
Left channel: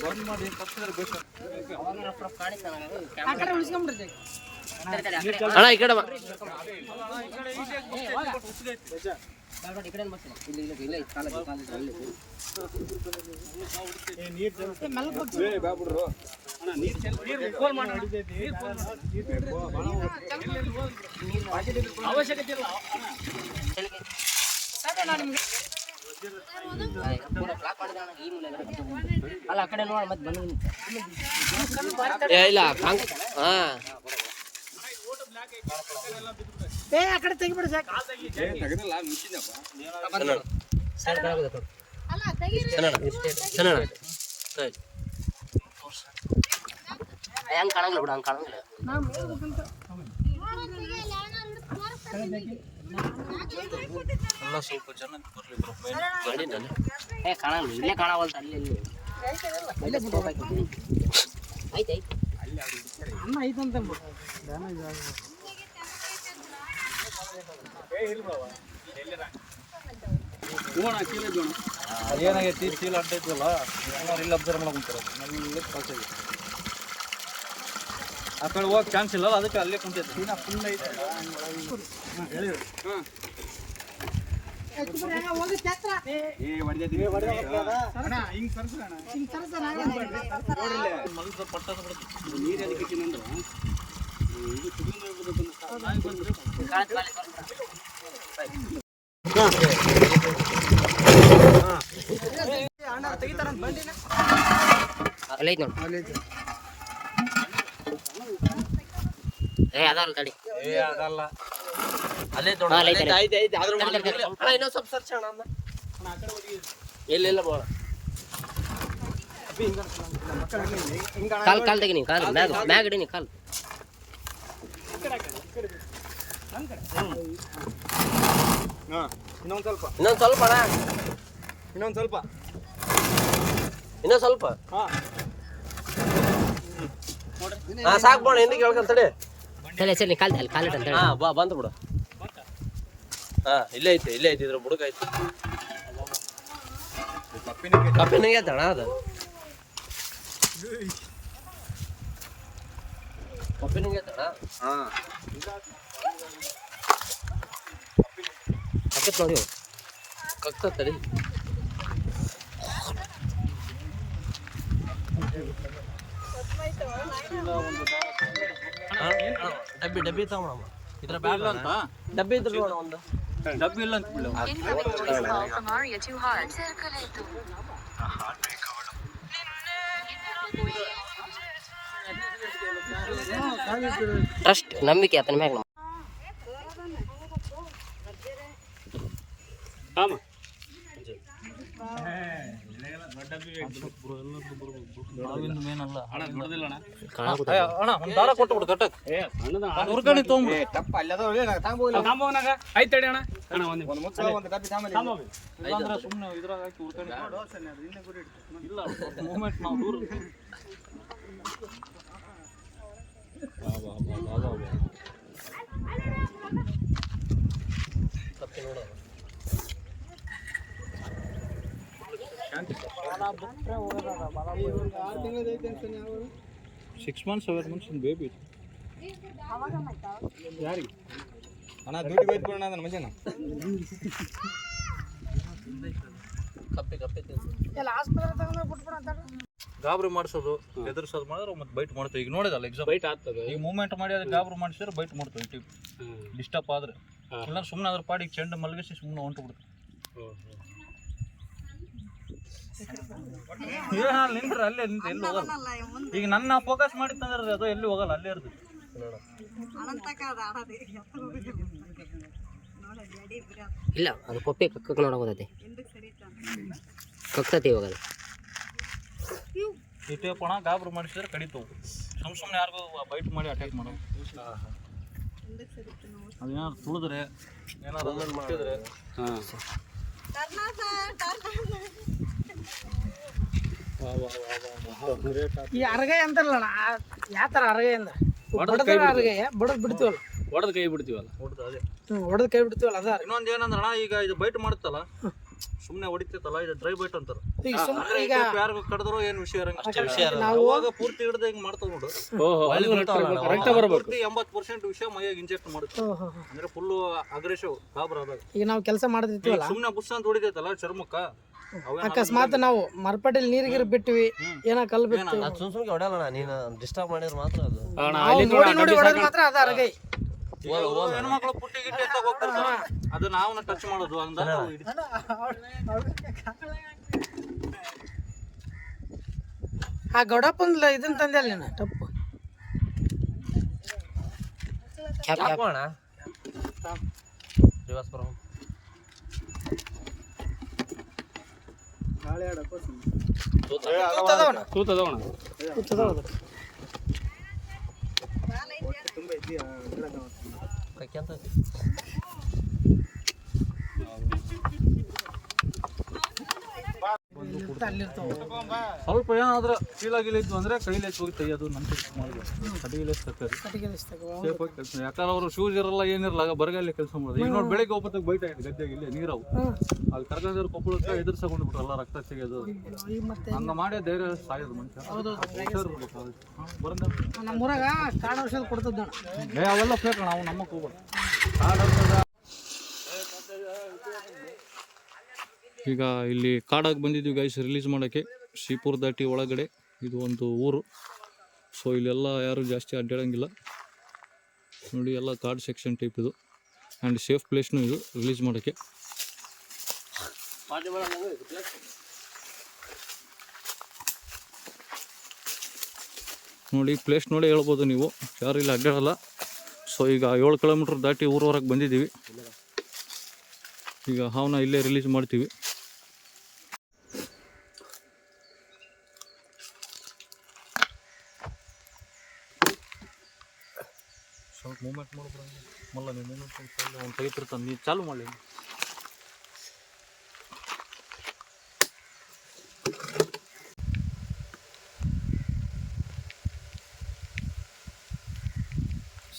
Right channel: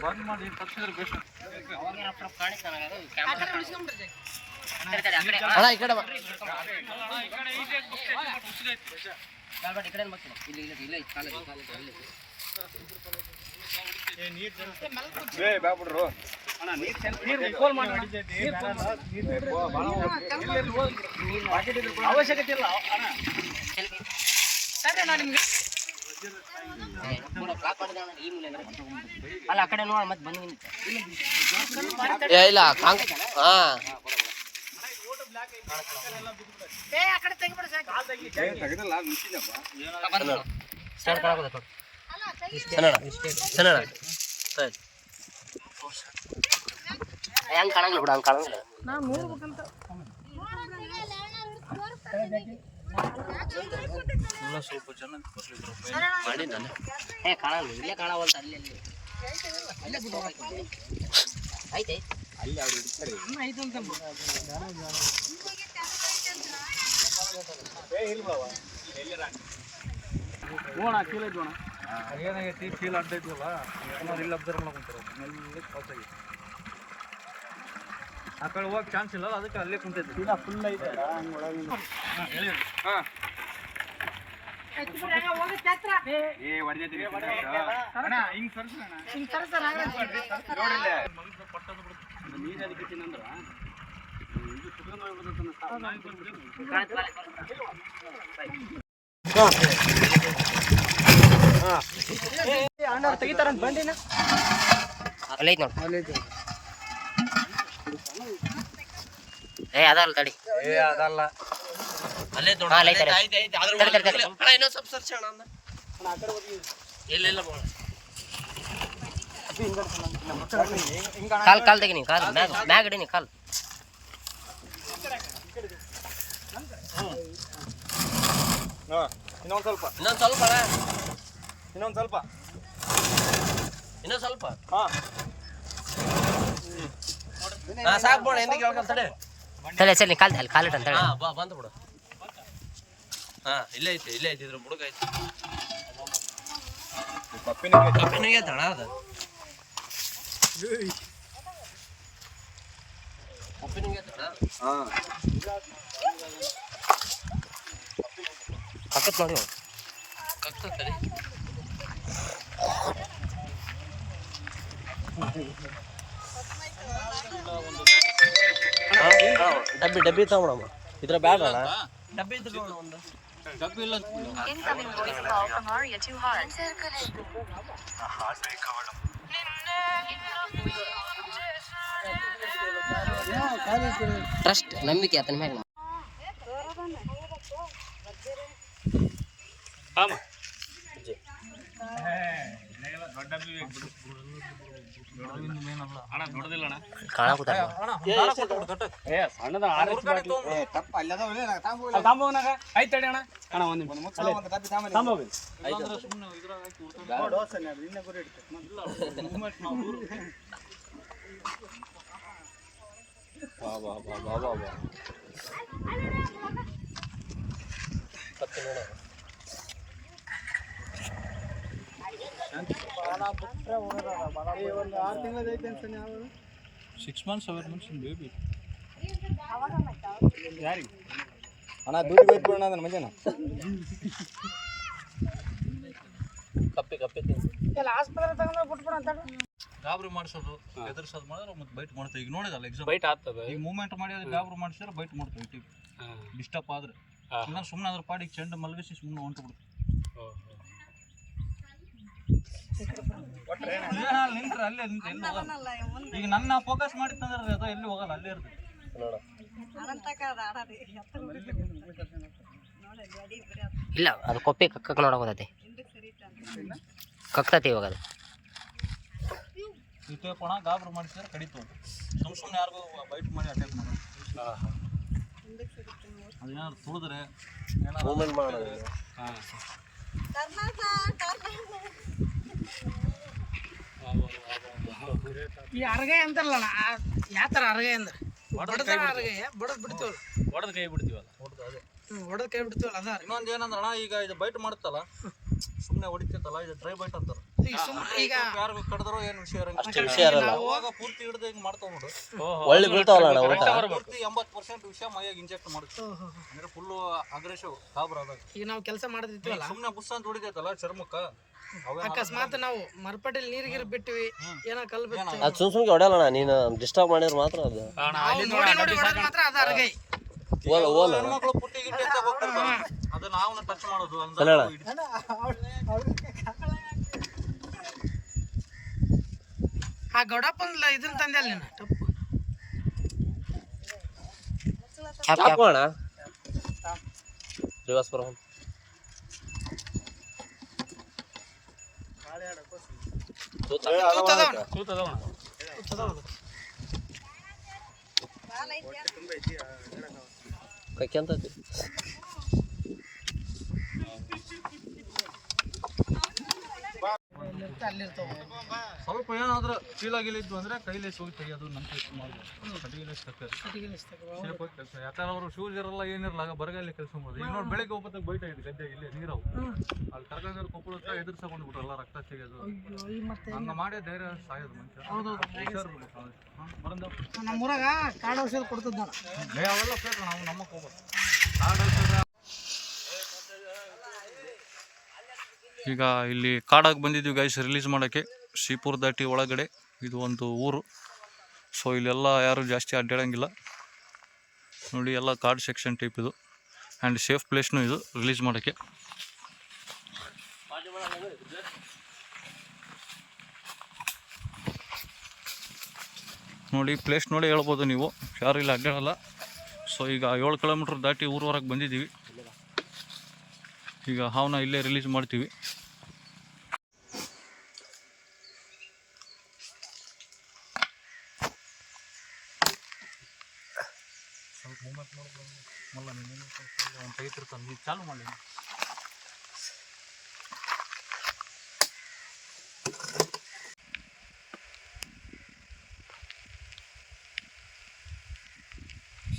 ಬಂದ್ ಮಾಡಿ ತಪ್ಪಿದ್ರೆ ಬೇಕು. ಅಣ್ಣ ಈ ಕಡೆ ಅವಶ್ಯಕತೆ ಇಲ್ಲ. ಅಲ್ಲ ಆ ಕಡೆ ನೋಡಿ ಮತ್ತೆ ಬಂದು ಇಲ್ಲ ಹಾಂ ಹೆಂಗ್ ಕಾಣಂಗಿಲ್ಲ ಬಿಡ, ಹಂಗೆ ಕಾಣಂಗಿಲ್ಲ. ಸ್ವಲ್ಪ ಜನ ಮಾಡಿ ನಾನು ಕಾಣಂಗಿಲ್ಲ, ಇಲ್ಲೇ ಕಾಣವಲ್ತ. ಅಲ್ಲಿ ಇಲ್ಲಿ ಆಯ್ತು ಆಯ್ತು ಅಮ್ಮ ಐತಂತ ಏನಾಗೈತಿ, ಚೀಲ ಅಡ್ಡ ಇದ್ವಲ್ಲ, ಇಲ್ಲಿ ಅಬ್ಸರ್ವ್ ಮಾಡ್ಕೊಂತಾರೆ. ಆ ಕಡೆ ಹೋಗಕ್ಕೆ ಚಾನ್ಸ್ ಇಲ್ಲ, ಅದಕ್ಕೆ ಅಲ್ಲೇ ಕುಂತೈತೆ. ಚೀಲ ಫುಲ್ ಐತೆ. ಹೇಳಿ. ಹಾಂ ನೀರು ಅದಕ್ಕೆ ಇಟ್ಟಿನಂದ್ರ ಇದು ಸುಗಂಧ ಅಲ್ಲ ಐತಿ ನೋಡಿ. ಅದಲ್ಲ ತಡಿ, ಅದಲ್ಲ ಅಲ್ಲೇ ಇನ್ನೊಂದು ಸ್ವಲ್ಪ ಸರ್ಚ್ ಅಣ್ಣ. ಇಲ್ಲ ಬೋಳ ಕಾಲ್ ತೆಗಿ ನೀವು, ಕಾಲ್ ಮ್ಯಾಗ ಇಡಿ ನೀವು, ಕಾಲ್ ಇನ್ನೊಂದು ಸ್ವಲ್ಪ ಇನ್ನೊಂದು ಸ್ವಲ್ಪ ಅಣ್ಣ, ಇನ್ನೊಂದು ಸ್ವಲ್ಪ ಇನ್ನೊಂದು ಸ್ವಲ್ಪ. ಹಾಂ ಸಾಕು ಬೋಣ, ಹಿಂದಕ್ಕೆ ಹೇಳ್ಕೊಂತ ತಡಿ. ತಲೆ ಸರಿ ನೀ ಕಾಲ್ ಅಲ್ಲಿ ಕಾಲಿಟ್ಟು ಅಂತ ಹೇಳಿ. ಬಾ ಬಂತು ಬಿಡು. ಇಲ್ಲೇ ಐತಿ, ಇಲ್ಲೇ ಐತಿ, ಇದ್ರ ಬುಡಕ ಐತಿ. ಕಪ್ಪಿನಿಗೆ ಐತೆ ಅಣ್ಣ, ಅದು ಕಪ್ಪಿನಿಗೆ ಐತೆ ಅಣ್ಣ. ಕಕ್ಕತ್ ನೋಡಿ, ಕಕ್ಕತ್ ತಡಿ. ಡಬ್ಬಿ ತಗೊಂಡಮ್ಮ, ಇದ್ರ ಬ್ಯಾಗ್ ಡಬ್ಬಿ ಇದ್ರ ಒಂದು ಡಬ್ಬಿ ಇಲ್ಲ ಅಂತ ಬಿಡು. ಟ್ರಸ್ಟ್ ನಂಬಿಕೆ ಆತನ ಮ್ಯಾಗ. 6 months 7 months ಬೇಬಿ ಯಾರಿಗೆ ಅಣ್ಣ ದುಡ್ಡು ಬೇಕು ಅಣ್ಣ ನನ್ನ ಮಜಾನ ಗಾಬರಿ ಮಾಡಿಸೋದು ಎದುರಿಸೋದು ಮಾಡಿದ್ರೆ ಮತ್ತೆ ಬೈಟ್ ಮಾಡ್ತೇವೆ. ಈಗ ನೋಡಿದಲ್ಲ ಎಕ್ಸಾಮ್ ಬೈಟ್ ಆಗ್ತದೆ. ಈಗ ಮೂವ್ಮೆಂಟ್ ಮಾಡಿ ಅದಕ್ಕೆ ಗಾಬರಿ ಮಾಡಿಸಿದ್ರೆ ಬೈಟ್ ಮಾಡ್ತೇವೆ. ಟಿಪ್ ಡಿಸ್ಟರ್ಬ್ ಆದ್ರೆ ಇಲ್ಲ ಸುಮ್ಮನೆ ಅದ್ರ ಪಾಡಿಗೆ ಚೆಂಡು ಮಲಗಿಸಿ ಸುಮ್ಮನೆ ಹೊಂಟು ಬಿಡ್ತೀವಿ. ನಿಂತ್ರೆ ಅಲ್ಲೇ ನಿಂತು ಎಲ್ಲಿ ಹೋಗಲ್ಲ. ಈಗ ನನ್ನ ಫೋಕಸ್ ಮಾಡಿತ್ತಂದ್ರೆ ಅದು ಎಲ್ಲಿ ಹೋಗಲ್ಲ, ಅಲ್ಲೇ ಇರ್ತದೆ. ಇಲ್ಲ ಅದು ಕೊಪ್ಪೆ ಕಕ್ಕಕ್ಕೆ ನೋಡೋದೈತಿ, ಕಕ್ತತಿ ಇವಾಗ ಅದು. ಈ ಟೇಪ್ ಅಣ್ಣ ಗಾಬರಿ ಮಾಡಿಸಿದ್ರೆ ಕಡಿತವು. ಸುಮ್ಮನೆ ಯಾರಿಗೂ ಬೈಟ್ ಮಾಡಿ ಅಟ್ಯಾಕ್ ಮಾಡೋದು. ಅದೇನಾದ್ರು ತುಳಿದ್ರೆ ಏನಾದ್ರು ಮುಟ್ಟಿದ್ರೆ ಈ ಅರಗಾಯಿ ಅಂತಾರಲ್ಲ ಯಾವ ಥರ ಅರಗಾಯಿ ಅಂದ್ರೆ ಅರಗಾಯ ಬಡದ್ ಬಿಡ್ತೀವಲ್ಲ, ಹೊಡೆದ ಕೈ ಬಿಡ್ತೀವಲ್ಲ, ಹೊಡೆದು ಅದೇ ಹೊಡೆದ್ ಕೈ ಬಿಡ್ತೀವಲ್ಲ ಅದ. ಇನ್ನೊಂದು ಏನಂದ್ರೆ ಅಣ್ಣ ಈಗ ಇದು ಬೈಟ್ ಮಾಡುತ್ತಲ್ಲ ಸುಮ್ಮನೆ ಹೊಡಿತೈತಲ್ಲ, ಇದು ಡ್ರೈ ಬೈಟ್ ಅಂತಾರೆ. ಅಂದ್ರೆ ಈಗ ಯಾರಿಗೂ ಕಡಿದ್ರೋ ಏನು ವಿಷಯ ಇರಂಗಿಲ್ಲ. ಅವಾಗ ಪೂರ್ತಿ ಹಿಡ್ದು ಹಿಂಗೆ ಮಾಡ್ತಾವ ನೋಡು, ಪೂರ್ತಿ 80% ವಿಷಯ ಮೈಯಾಗ ಇಂಜೆಕ್ಟ್ ಮಾಡುತ್ತೆ. ಅಂದ್ರೆ ಫುಲ್ ಅಗ್ರೆಸಿವ್ ಗಾಬರ್ ಆದಾಗ. ಈಗ ನಾವು ಕೆಲಸ ಮಾಡ್ತಿರ್ತೀವಲ್ಲ, ಸುಮ್ಮನೆ ಬುಸ್ ಅಂತ ಹೊಡಿತೈತಲ್ಲ ಚರ್ಮಕ್ಕ, ಅಕಸ್ಮಾತ್ ನಾವು ಮರಪಟ್ಟಿಲಿ ನೀರಿಗಿರ್ ಬಿಟ್ಟಿವಿ, ಏನೋ ಕಲ್ ಬಿಟ್ಟು ಅದು ಸುಮ್ಮನೆ ಹೊಡೆಯಲ್ಲ, ನೀನು ಡಿಸ್ಟರ್ಬ್ ಮಾಡಿದ್ರೆ ಮಾತ್ರ ಅದು ನೋಡಿ ನೋಡಿ ಹೊಡೆದ್ ಮಾತ್ರ ಅದ ಅರಗೈ. ಹೆಣ್ಮಕ್ಳು ಪುಟ್ಟಿ ಗಿಟ್ಟಿ ಅಂತ ಹೋಗ್ತಾರೆ, ಅದು ನಾವು ಟಚ್ ಮಾಡೋದು ಆ ಗೌಡಪ್ಪನ ಇದನ್ನ ತಂದೆ ಅಲ್ಲಿ ನೀನು ತಪ್ಪು ರಿವರ್ಸ್ ಬರೋದು. ಕಕ್ಕಂತತಿ ಸ್ವಲ್ಪ ಏನಾದ್ರೂ ಚೀಲಾಗಿಲಿದ್ದು ಅಂದ್ರೆ ಕೈಲಿ ಹೋಗಿ ತೆಗಿಯೋದು ನಂತ ಮಾಡಬೇಕು. ಕಟ್ಟಿಗೆ ಯಾಕಂದ್ರೆ ಅವರು ಶೂಸ್ ಇರಲ್ಲ ಏನಿರಲ್ಲ, ಬರಗಾಲಿ ಕೆಲಸ ಮಾಡೋದು. ಈಗ ನೋಡಿ ಬೆಳಿಗ್ಗೆ ಒಬ್ಬತ್ತು ಬೈಟ್ ಆಯ್ತು ಗದ್ದೆಗೆ, ಇಲ್ಲಿ ನೀರವು ಅಲ್ಲಿ ಕರ್ಕೊಂಡಿದ್ರು ಕೊಪ್ಪಳಕ್ಕೆ ಎದುರ್ಸ್ಕೊಂಡು ಬಿಟ್ರಲ್ಲ, ರಕ್ತ ಸಿಗೋದು ಹಂಗ ಮಾಡಿ ಧೈರ್ಯ ಸಾಯೋದು ಮನುಷ್ಯ. ಬರಂದ ನಮ್ಮೂರಾಗ ಕಾಡು ಔಷಧ ಕೊಡ್ತದ ಅವೆಲ್ಲ ಬೇಕು, ನಾವು ನಮ್ಮಕ್ಕೆ ಹೋಗೋದು. ಈಗ ಇಲ್ಲಿ ಕಾಡಾಗಿ ಬಂದಿದ್ದೀವಿ ಗೈಸ್ ರಿಲೀಸ್ ಮಾಡೋಕ್ಕೆ. ಶ್ರೀಪುರ ದಾಟಿ ಒಳಗಡೆ ಇದು ಒಂದು ಊರು. ಸೊ ಇಲ್ಲೆಲ್ಲ ಯಾರು ಜಾಸ್ತಿ ಅಡ್ಡಾಡಂಗಿಲ್ಲ ನೋಡಿ, ಎಲ್ಲ ಕಾಡು ಸೆಕ್ಷನ್ ಟೈಪ್ ಇದು. ಆ್ಯಂಡ್ ಸೇಫ್ ಪ್ಲೇಸ್ನು ಇದು ರಿಲೀಸ್ ಮಾಡೋಕ್ಕೆ. ನೋಡಿ ಪ್ಲೇಸ್ ನೋಡಿ ಹೇಳ್ಬೋದು ನೀವು, ಯಾರು ಇಲ್ಲಿ ಅಡ್ಡಾಡಲ್ಲ. ಸೊ ಈಗ 7 ಕಿಲೋಮೀಟ್ರ್ ದಾಟಿ ಊರವರೆಗೆ ಬಂದಿದ್ದೀವಿ. ಈಗ ಹಾವನ್ನ ಇಲ್ಲೇ ರಿಲೀಸ್ ಮಾಡ್ತೀವಿ. ಸ್ವಲ್ಪ ಮೂಮೆಂಟ್ ಮಾಡ್ಬಿಡಂಗೆ ಮಲ್ಲ, ನೀನು ಒಂದು ಟೈಟ್ ಇರ್ತಾನೆ, ನೀನು ಚಾಲು ಮಾಡಿ.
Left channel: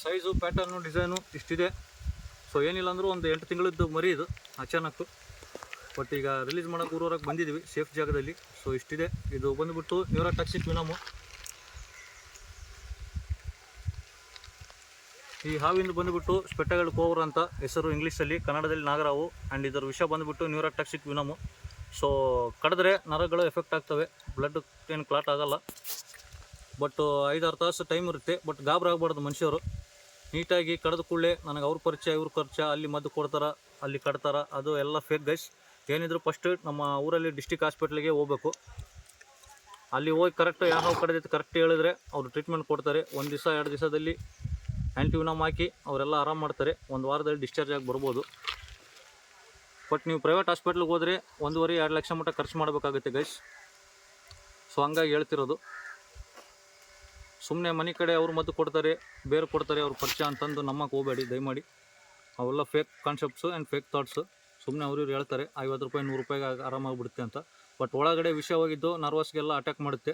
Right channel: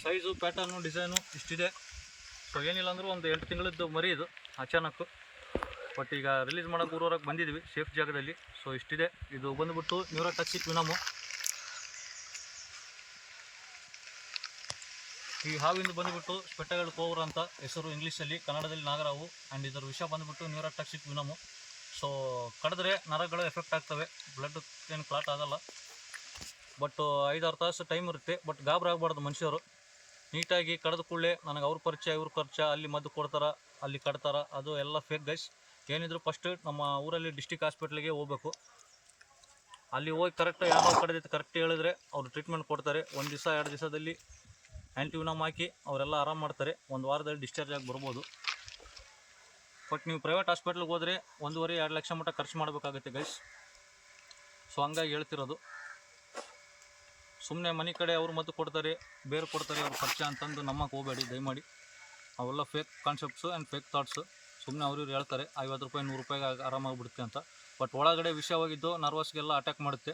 ಸೈಜು ಪ್ಯಾಟರ್ನು ಡಿಸೈನು ಇಷ್ಟಿದೆ. ಸೊ ಏನಿಲ್ಲ ಅಂದರೂ ಒಂದು 8 ತಿಂಗಳದ್ದು ಮರಿ ಇದು ಅಚಾನಕ್. ಬಟ್ ಈಗ ರಿಲೀಸ್ ಮಾಡೋಕೆ ಊರವರೆಗೆ ಬಂದಿದ್ದೀವಿ ಸೇಫ್ ಜಾಗದಲ್ಲಿ. ಸೊ ಇಷ್ಟಿದೆ. ಇದು ಬಂದುಬಿಟ್ಟು ನ್ಯೂರೋಟಾಕ್ಸಿಕ್ ವಿನಮು. ಈ ಹಾವಿಂದು ಬಂದುಬಿಟ್ಟು ಸ್ಪೆಟ್ಟಗಲ್ ಕೋವರ್ ಅಂತ ಹೆಸರು ಇಂಗ್ಲೀಷಲ್ಲಿ, ಕನ್ನಡದಲ್ಲಿ ನಾಗರಾವು. ಆ್ಯಂಡ್ ಇದರ ವಿಷ ಬಂದುಬಿಟ್ಟು ನ್ಯೂರೋಟಾಕ್ಸಿಕ್ ವಿನಮು. ಸೊ ಕಡಿದ್ರೆ ನರಗಳು ಎಫೆಕ್ಟ್ ಆಗ್ತವೆ, ಬ್ಲಡ್ ಏನು ಕ್ಲಾಟ್ ಆಗೋಲ್ಲ. ಬಟ್ 5-6 ತಾಸು ಟೈಮ್ ಇರುತ್ತೆ. ಬಟ್ ಗಾಬರಿ ಆಗಬಾರ್ದು ಮನುಷ್ಯರು. ನೀಟಾಗಿ ಕಡಿದ ಕೂಡಲೇ ನನಗೆ ಅವ್ರ ಪರಿಚಯ ಇವ್ರ ಪರಿಚಯ, ಅಲ್ಲಿ ಮದ್ದು ಕೊಡ್ತಾರೆ, ಅಲ್ಲಿ ಕಟ್ತಾರೆ, ಅದು ಎಲ್ಲ ಫೇಕ್ ಗೈಸ್. ಏನಿದ್ರು ಫಸ್ಟ್ ನಮ್ಮ ಊರಲ್ಲಿ ಡಿಸ್ಟಿಕ್ ಹಾಸ್ಪಿಟ್ಲಿಗೆ ಹೋಗ್ಬೇಕು. ಅಲ್ಲಿ ಹೋಗಿ ಕರೆಕ್ಟ್ ಯಾವ ಕಡಿದೈತೆ ಕರೆಕ್ಟ್ ಹೇಳಿದ್ರೆ ಅವರು ಟ್ರೀಟ್ಮೆಂಟ್ ಕೊಡ್ತಾರೆ. 1 ದಿವಸ 2 ದಿವಸದಲ್ಲಿ ಆ್ಯಂಟಿವಿನಮ್ ಹಾಕಿ ಅವರೆಲ್ಲ ಆರಾಮ ಮಾಡ್ತಾರೆ. 1 ವಾರದಲ್ಲಿ ಡಿಸ್ಚಾರ್ಜ್ ಆಗಿ ಬರ್ಬೋದು. ಬಟ್ ನೀವು ಪ್ರೈವೇಟ್ ಹಾಸ್ಪಿಟ್ಲಿಗೆ ಹೋದರೆ 1.5-2 ಲಕ್ಷ ಮಟ್ಟ ಖರ್ಚು ಮಾಡಬೇಕಾಗುತ್ತೆ ಗೈಸ್. ಸೊ ಹಂಗಾಗಿ ಹೇಳ್ತಿರೋದು. ಸುಮ್ಮನೆ ಮನೆ ಕಡೆ ಅವ್ರು ಮದ್ದು ಕೊಡ್ತಾರೆ, ಬೇರೆ ಕೊಡ್ತಾರೆ, ಅವ್ರ ಪರಿಚಯ ಅಂತಂದು ನಮ್ಮಕ್ಕೆ ಹೋಗಬೇಡಿ ದಯಮಾಡಿ. ಅವೆಲ್ಲ fake concepts and fake thoughts. ಸುಮ್ಮನೆ ಅವ್ರು ಹೇಳ್ತಾರೆ 50 ರೂಪಾಯಿ 100 ರೂಪಾಯಿಗೆ ಆರಾಮಾಗಿಬಿಡುತ್ತೆ ಅಂತ. ಬಟ್ ಒಳಗಡೆ ವಿಷ ಹೋಗಿದ್ದು ನರ್ವಸ್ಗೆಲ್ಲ ಅಟ್ಯಾಕ್ ಮಾಡುತ್ತೆ.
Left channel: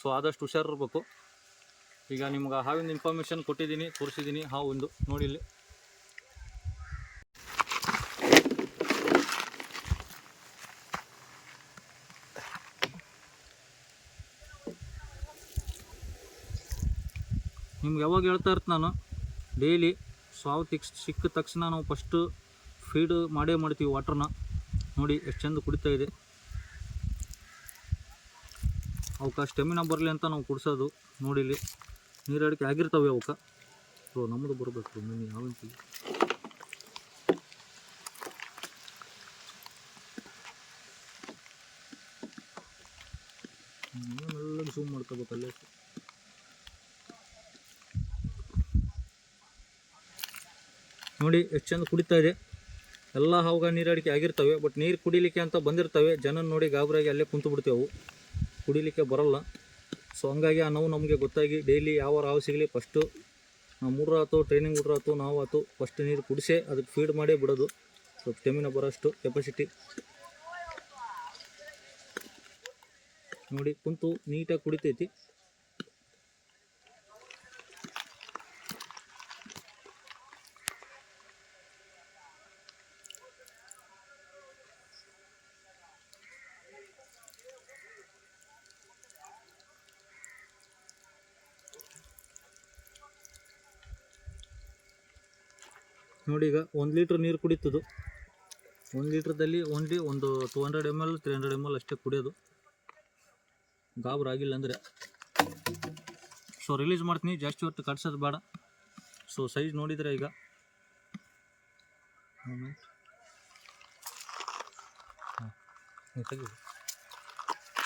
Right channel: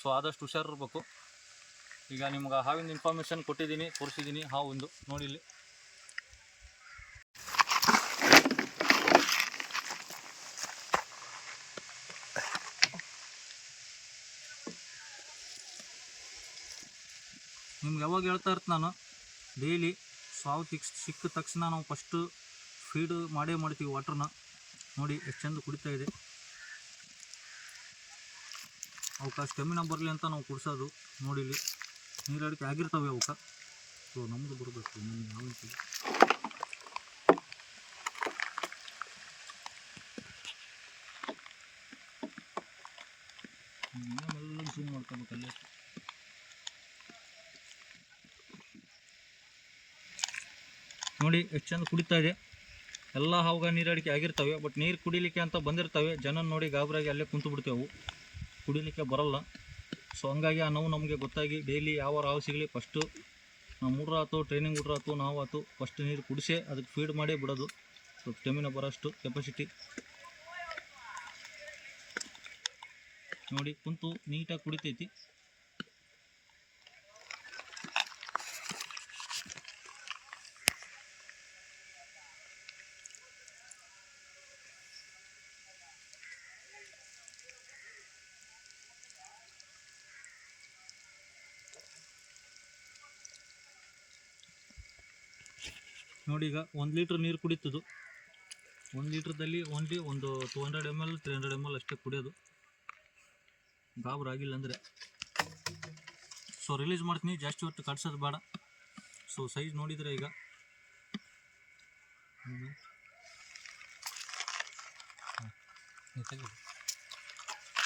ಸೊ ಆದಷ್ಟು ಹುಷಾರಿರ್ಬೇಕು. ಈಗ ನಿಮ್ಗೆ ಹಾವಿಂದ ಇನ್ಫಾರ್ಮೇಷನ್ ಕೊಟ್ಟಿದ್ದೀನಿ, ತೋರಿಸಿದ್ದೀನಿ. ಹಾವೊಂದು ನೋಡಿ ಇಲ್ಲಿ. ನಿಮ್ಗೆ ಯಾವಾಗ ಹೇಳ್ತಾ ಇರ್ತೀನಿ ನಾನು, ಡೈಲಿ ಸಾವು ಸಿಕ್ಕ ತಕ್ಷಣ ನಾವು ಫಸ್ಟು ಫೀಡ್ ಮಾಡೇ ಮಾಡ್ತೀವಿ ವಾಟ್ರನ್ನ. ನೋಡಿ ಎಷ್ಟು ಚಂದ ಕುಡಿತಾ ಇದೆ. ಅವಕ್ಕೆ ಸ್ಟೆಮಿನ ಬರಲಿ ಅಂತ ನಾವು ಕುಡಿಸೋದು. ನೋಡಿ ಇಲ್ಲಿ ನೀರಡಿಕೆ ಆಗಿರ್ತವೆ ಅವಕ್ಕೆ. ಸೊ ನಮ್ಮದು ಬರಬೇಕು ಮೀನು ಯಾವಂತೀವಿ. ಎಲ್ಲ ಝೂಮ್ ಮಾಡ್ಕೋಬೇಕು ಅಲ್ಲೇ. ನೋಡಿ ಎಷ್ಟು ಚಂದ ಕುಡಿತಾ ಇದೆ. ಎಲ್ಲ ಹಾವಾಗ ನೀರಡಿಕೆ ಆಗಿರ್ತವೆ, ಬಟ್ ನೀರು ಕುಡಿಲಿಕ್ಕೆ ಅಂತ ಬಂದಿರ್ತವೆ. ಜನ ನೋಡಿ ಗಾಬರಿಯಾಗಿ ಅಲ್ಲೇ ಕುಂತು ಬಿಡ್ತೇವೆ, ಅವು ಕುಡಿಲಿಕ್ಕೆ ಬರಲ್ಲ. ಸೊ ಹಂಗಾಗಿ ಆ ನೋವು ನಮಗೆ ಗೊತ್ತಾಗಿ ಡೈಲಿ ಯಾವ ಹಾವು ಸಿಗಲಿ ಫಸ್ಟು ನಾವು ಮೂಡ್ರ ಆಯ್ತು, ಟ್ರೈನಿಂಗ್ ಹುಡ್ರ ಆಯ್ತು, ನಾವು ಆಯ್ತು, ಫಸ್ಟ್ ನೀರು ಕುಡಿಸೇ ಅದಕ್ಕೆ ಫೀಡ್ ಮಾಡೇ ಬಿಡೋದು. ಸ್ವಲ್ಪ ಸ್ಟೆಮಿನ ಬರೋಷ್ಟು ಕೆಪಾಸಿಟಿ. ನೋಡಿ ಕುಂತು ನೀಟಾಗಿ ಕುಡಿತೈತಿ. ನೋಡಿ ಈಗ 1 ಲೀಟ್ರ್ ನೀರು ಕುಡಿತದು. 1 ಲೀಟ್ರದಲ್ಲಿ ಓನ್ಲಿ ಒಂದು 200 ml 300 ml ಅಷ್ಟೇ ಕುಡಿಯೋದು, ಗಾಬರಾಗಿಲ್ಲ ಅಂದರೆ. ಸೊ ರಿಲೀಸ್ ಮಾಡ್ತೀನಿ, ಜಾಸ್ತಿ ಹೊತ್ತು ಕಟ್ಸೋದು ಬೇಡ. ಸೊ ಸೈಜ್ ನೋಡಿದರೆ ಈಗ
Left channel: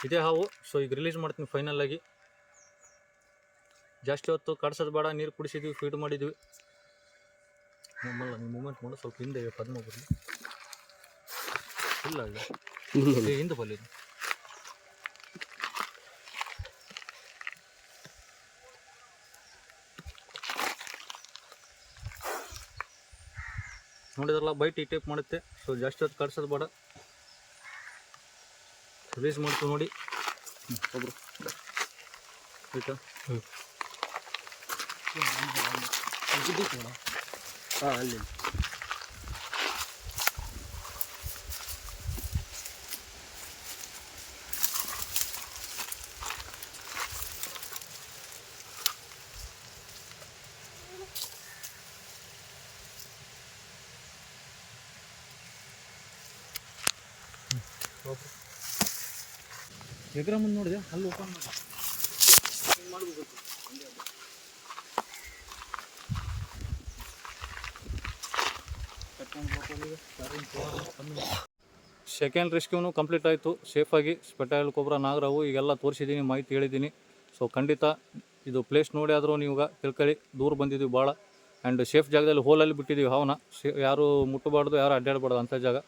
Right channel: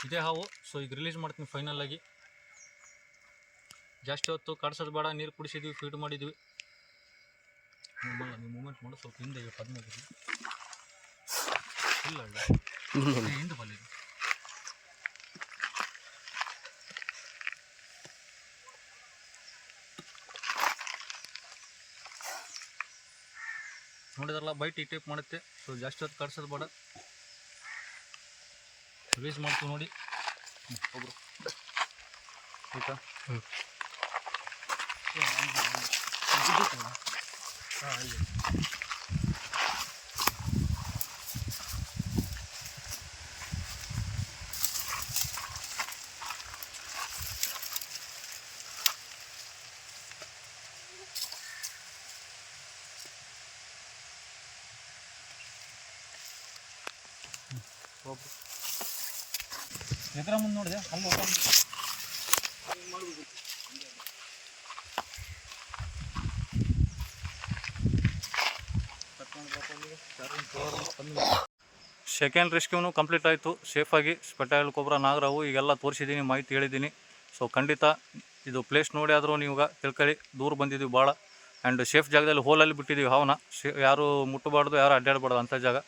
ಇದೇ ಹಾವು. ಸೊ ಈಗ ರಿಲೀಸ್ ಮಾಡ್ತೀನಿ ಫೈನಲ್ಲಾಗಿ. ಜಾಸ್ತಿ ಹೊತ್ತು ಕಟ್ಸೋದು ಬೇಡ, ನೀರು ಕುಡಿಸಿದ್ವಿ, ಫೀಡ್ ಮಾಡಿದ್ವಿ. ನಮ್ಮಲ್ಲ ನೀವು ಮೂಮೆಂಟ್ ಮಾಡೋ ಸ್ವಲ್ಪ ಹಿಂದೆ ಪದ್ಮ ಬರಲಿ. ಇಲ್ಲ ಹಿಂದೆ ಬಲ್ಲಿ ನೋಡಿದ್ರಲ್ಲ, ಬೈಟ್ ಈ ಟೈಪ್ ಮಾಡುತ್ತೆ. ಸೊ ಜಾಸ್ತಿ ಹೊತ್ತು ಕಟ್ಸೋದು ಬೇಡ, ರಿಲೀಸ್ ಮಾಡ್ತೀವಿ ನೋಡಿ. ಹೋದ್ರು ಆಯ್ತಾ? ಅಲ್ಲಿ ಎದುರ ಮುಂದೆ ನೋಡಿದೆ, ಅಲ್ಲಿ ಓಪನ್ ಮಾಡಬೇಕು. ಸೆಕೆಂಡ್ ರೆಸ್ಕ್ಯೂನು ಕಂಪ್ಲೀಟ್ ಆಯಿತು ಸೇಫಾಗಿ. ಸ್ಪೆಟಾಯಿಲ್ ಕೊಬ್ರಾ ನಾಗರಾವು ಈಗೆಲ್ಲ ತೋರಿಸಿದ್ದೀನಿ, ಮಾಹಿತಿ ಹೇಳಿದ್ದೀನಿ. ಸೊ ಖಂಡಿತ ಇದು ಪ್ಲೇಸ್ ನೋಡಿ ಆದರೂ ನೀವು ತಿಳ್ಕೊಳ್ಳಿ, ದೂರ ಬಂದಿದ್ದೀವಿ ಭಾಳ. ಆ್ಯಂಡ್ ಸೇಫ್ ಜಾಗದಲ್ಲಿ ಹೋಲಲ್ಲಿ ಬಿಟ್ಟಿದ್ದೀವಿ ಹಾವನ್ನ. ಯಾರು ಮುಟ್ಟಬಾರ್ದು, ಯಾರು ಅಡ್ಡಾಡಬಾರ್ದು ಅಂಥ ಜಾಗ.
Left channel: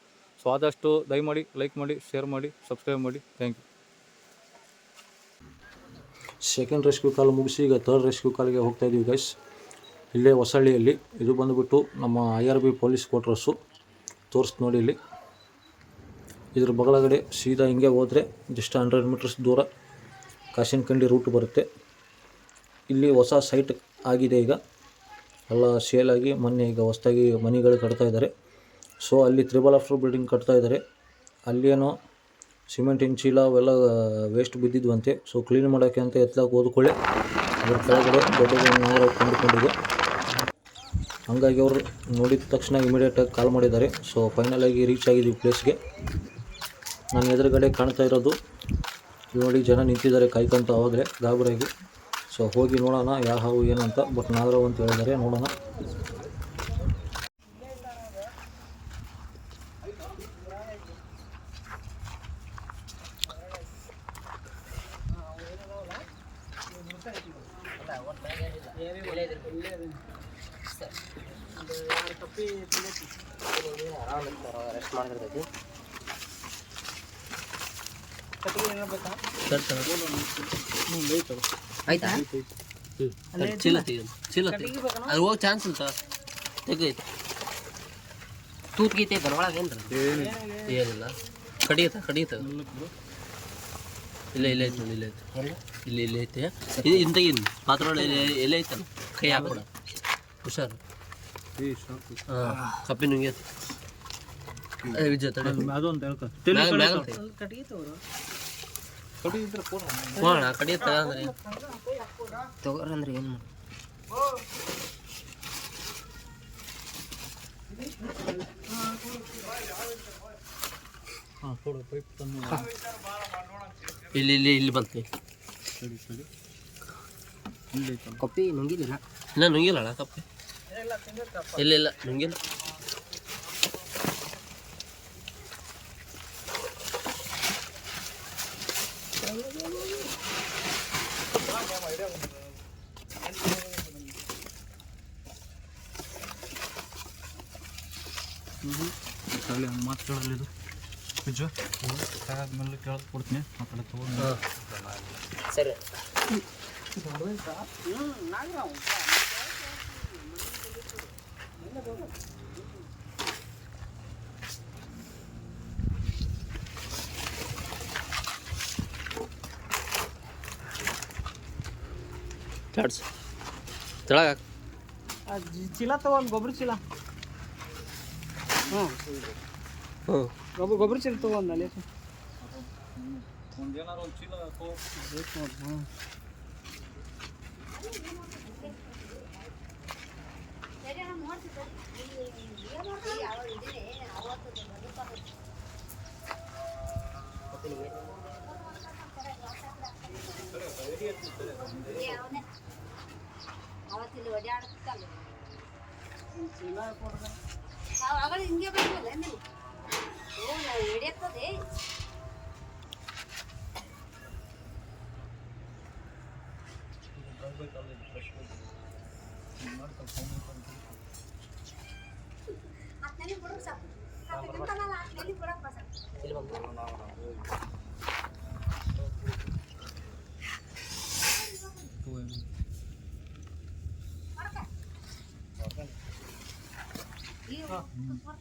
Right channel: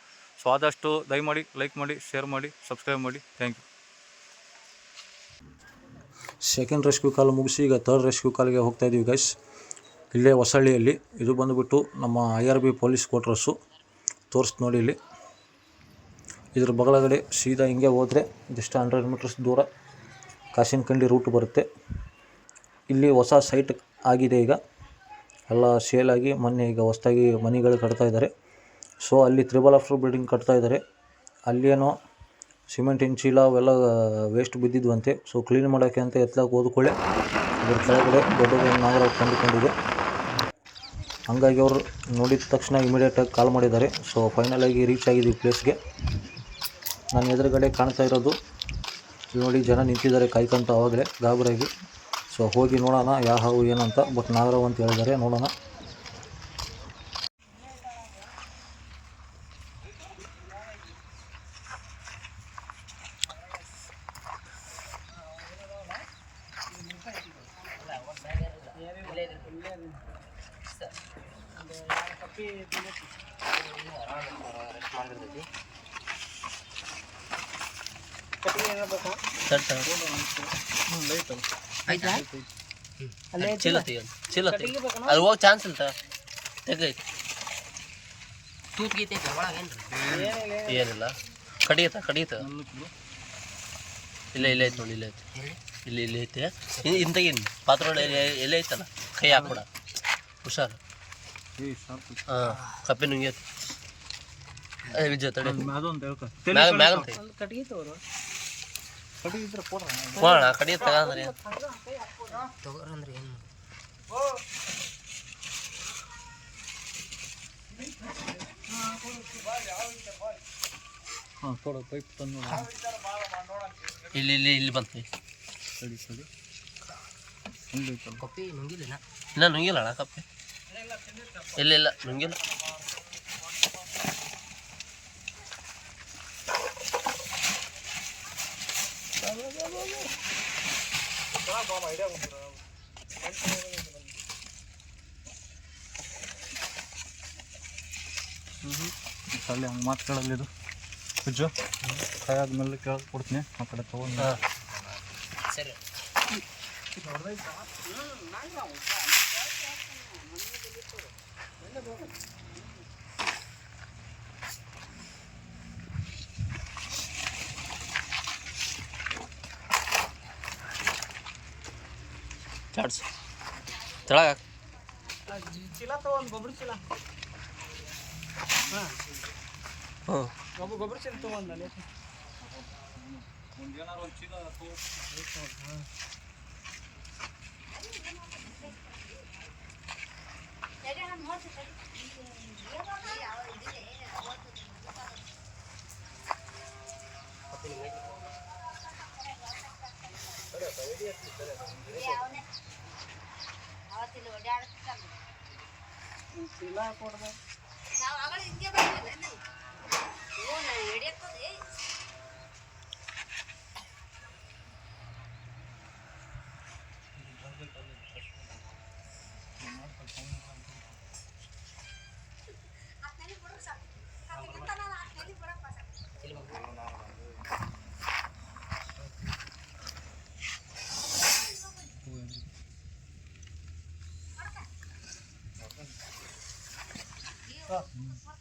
ಸೊ ಆದಷ್ಟು ದಯಮಾಡಿ ಲೈಕ್ ಮಾಡಿ, ಶೇರ್ ಮಾಡಿ, ಸಬ್ಸ್ಕ್ರೈಬ್ ಮಾಡಿ. Thank you. Second rescue call ಮುಗಿಸಿ ಈಗ ಥರ್ಡ್ ರೆಸ್ಕ್ಯೂ ಕಾಲ್ಗೆ ಹೋಗ್ತಾಯಿದ್ದೀವಿ ಗೈಸ್. ಇಲ್ಲೇ ಹೊಸಳ್ಳಿಯಲ್ಲಿ. ಇದು ಬಂದುಬಿಟ್ಟು ನಮ್ಮ IRB ಪೊಲೀಸ್ ಕ್ವಾರ್ಟರ್ಸು. ತೋರಿಸ್ತು ನೋಡಿ ಇಲ್ಲಿ. ಇದ್ರ ಬಗಳಗಡೆ ಸೀದಾ ಹಿಂಗೆ ಹೋದರೆ ಜಸ್ಟ್ 100 ಮೀಟರ್ಸ್ ದೂರ ಕಾಶಿನಕಂಡಿ ರೂಟ್ ಬರುತ್ತೆ. ಇಲ್ಲಿ ಹೊಸ ಸೈಟ್ ಆಗಿದೆ ಈಗ, ಎಲ್ಲ ಸೇಲಾಗಿ ಮೊನ್ನೆ ಈಗ ಹೊಸದಾಗಿ ಮನೆಗಳು ಕಟ್ತಾಯಿದ್ದಾರೆ. ಸೊ ಅಲ್ಲಿ 3 ಬಿಲ್ಡಿಂಗ್ ಕಟ್ತಾಯಿದ್ದಾರೆ. ಅಲ್ಲೇನೋ ಸಿಮೆಂಟಿನ ಚೀಲ ಅವೆಲ್ಲ ವೇಸ್ಟ್ ಬಿದ್ದಿದ್ವಂತೆ. ಸೊ ಕ್ಲೀನ್ ಮಾಡೋಕ್ಕೆ ಅಂತ ಎತ್ತಲಾಗಿ ಹೋದ್ಕೊಳ್ಳೆ ಅದ್ರ ಕೆಳಗಡೆ ದೊಡ್ಡದೊಂದು ನಾಗರಾವ್ ಕಂಡುಕೊಂಡಿದೆ. ಹಂಗಾಗಿ ಅವರು ನೋಡಿದ ತಕ್ಷಣ ಇಮಿಡಿಯೇಟಾಗಿ ಕಾಲ್ ಮಾಡಿದ್ದಾರೆ. ಸೊ ಫೈನಲಾಗಿ ರೀಚ್ ಆಗಿದ್ದೀವಿ ಪ್ಲೇಸ್ಗೆ. ನನ್ನ ಎದುರುಗಡೆ ಕಾಣ್ತಾ ಇರೋದು ಇಲ್ಲಿ ನೋಡಿ, ಜನ ನಿಂತಿದ್ದಾರೆ ಕಾಯ್ಕೊಂತ ಆವಾಗಲೇ ಗಾಬರಿಯಾಗಿ. ಸೊ ಹೋಗಿ ನೋಡೋಣ ಯಾವ ಹಾವು ಏನಂತ. ಬಟ್ ನಾಗರಾವ್ ಅಂತ ಹೇಳಿದ್ದಾರೆ, ನೋಡೋಣ. ಆಯ್ತಾ? ಚೀಲ ಅದು ಹೋಗಿ ಚಾನ್ಸ್ ಇಲ್ಲ, ತೆಗೈತೆ. ತೂತ್ ಗೀತೈತೆ ಒಳಗೆ ಏನಿಲ್ಲ. ಕಡಿಯತ್ತ ಇಲ್ಲ ಐತೆ ನೋಡಿ, ಇಲ್ಲಿ ಐತೆ. ಇಂತಾಗಿನ್ ಪಾತ್ರ ಎಲ್ಲ ಐತಲ್ಲ, ಕೈ ಹಾಕ್ಬಿಡ, ಹುಷಾರು. ಹಾಂ, ಕಪ್ಪಿ ನುಂಗ್ಯೈತೆ. ವಿಜಯ ತಡೆ ಕಡಿಯ ತಗಂದ್ರೆ ತಗೋರಂದ್ರೆ ಏನು ಹಾಂ ಕೊಡು ಪೈಪ್ ತಂದು ಇಲ್ಲಿ ಇಲ್ಲಿ ಇಲ್ಲಿ ಬಂತು. ಸರಿ ಸರಿ ಕಪ್ಪಿ ನುಂಗಿಲ್ಲ ಇನ್ನ ನುಂಗಿಲ್ಲ ಅಣ್ಣ ಕಪ್ಪಿ. ಇಲ್ಲ ಇಲ್ಲ ನುಂಗಿಲ್ಲ. ಅಲ್ಲಿ ಹಂಗೆ ಮಾತುಗಳಲ್ಲಿದು ಪೂಜು ಕೈ ಆದ್ಮೇಲೆ ಕೇಳಕ್ಕೆ ಕೊಡ್ತೀನಿ ಆ ಕಡೆ ತೊಗೊಂಡು ಹಾಂ ಸರಿ. ಚಾಡ್ಸ್ ತೆಳಗ ಚೀಲ ತಗೊಂಡು ಗೊಬ್ಬರ ಚೀಲ ಹ್ಞೂ ಗೊಬ್ಬರ ಚೀಲ ತಗೊಂಡು ಅಲ್ಲಿ ಒಂದು ಏನಾರು ಒಂದು ಚೀಲ ಅವತ್ತಿಲ್ಲಿ ಓಡಾಡುತ್ತಲ್ಲ ನಾವು ಅವಳು ಹಿಂಗೆ ಬಂದಿಲ್ಲ ಹಿಡಿಯುತ್ತದೆ.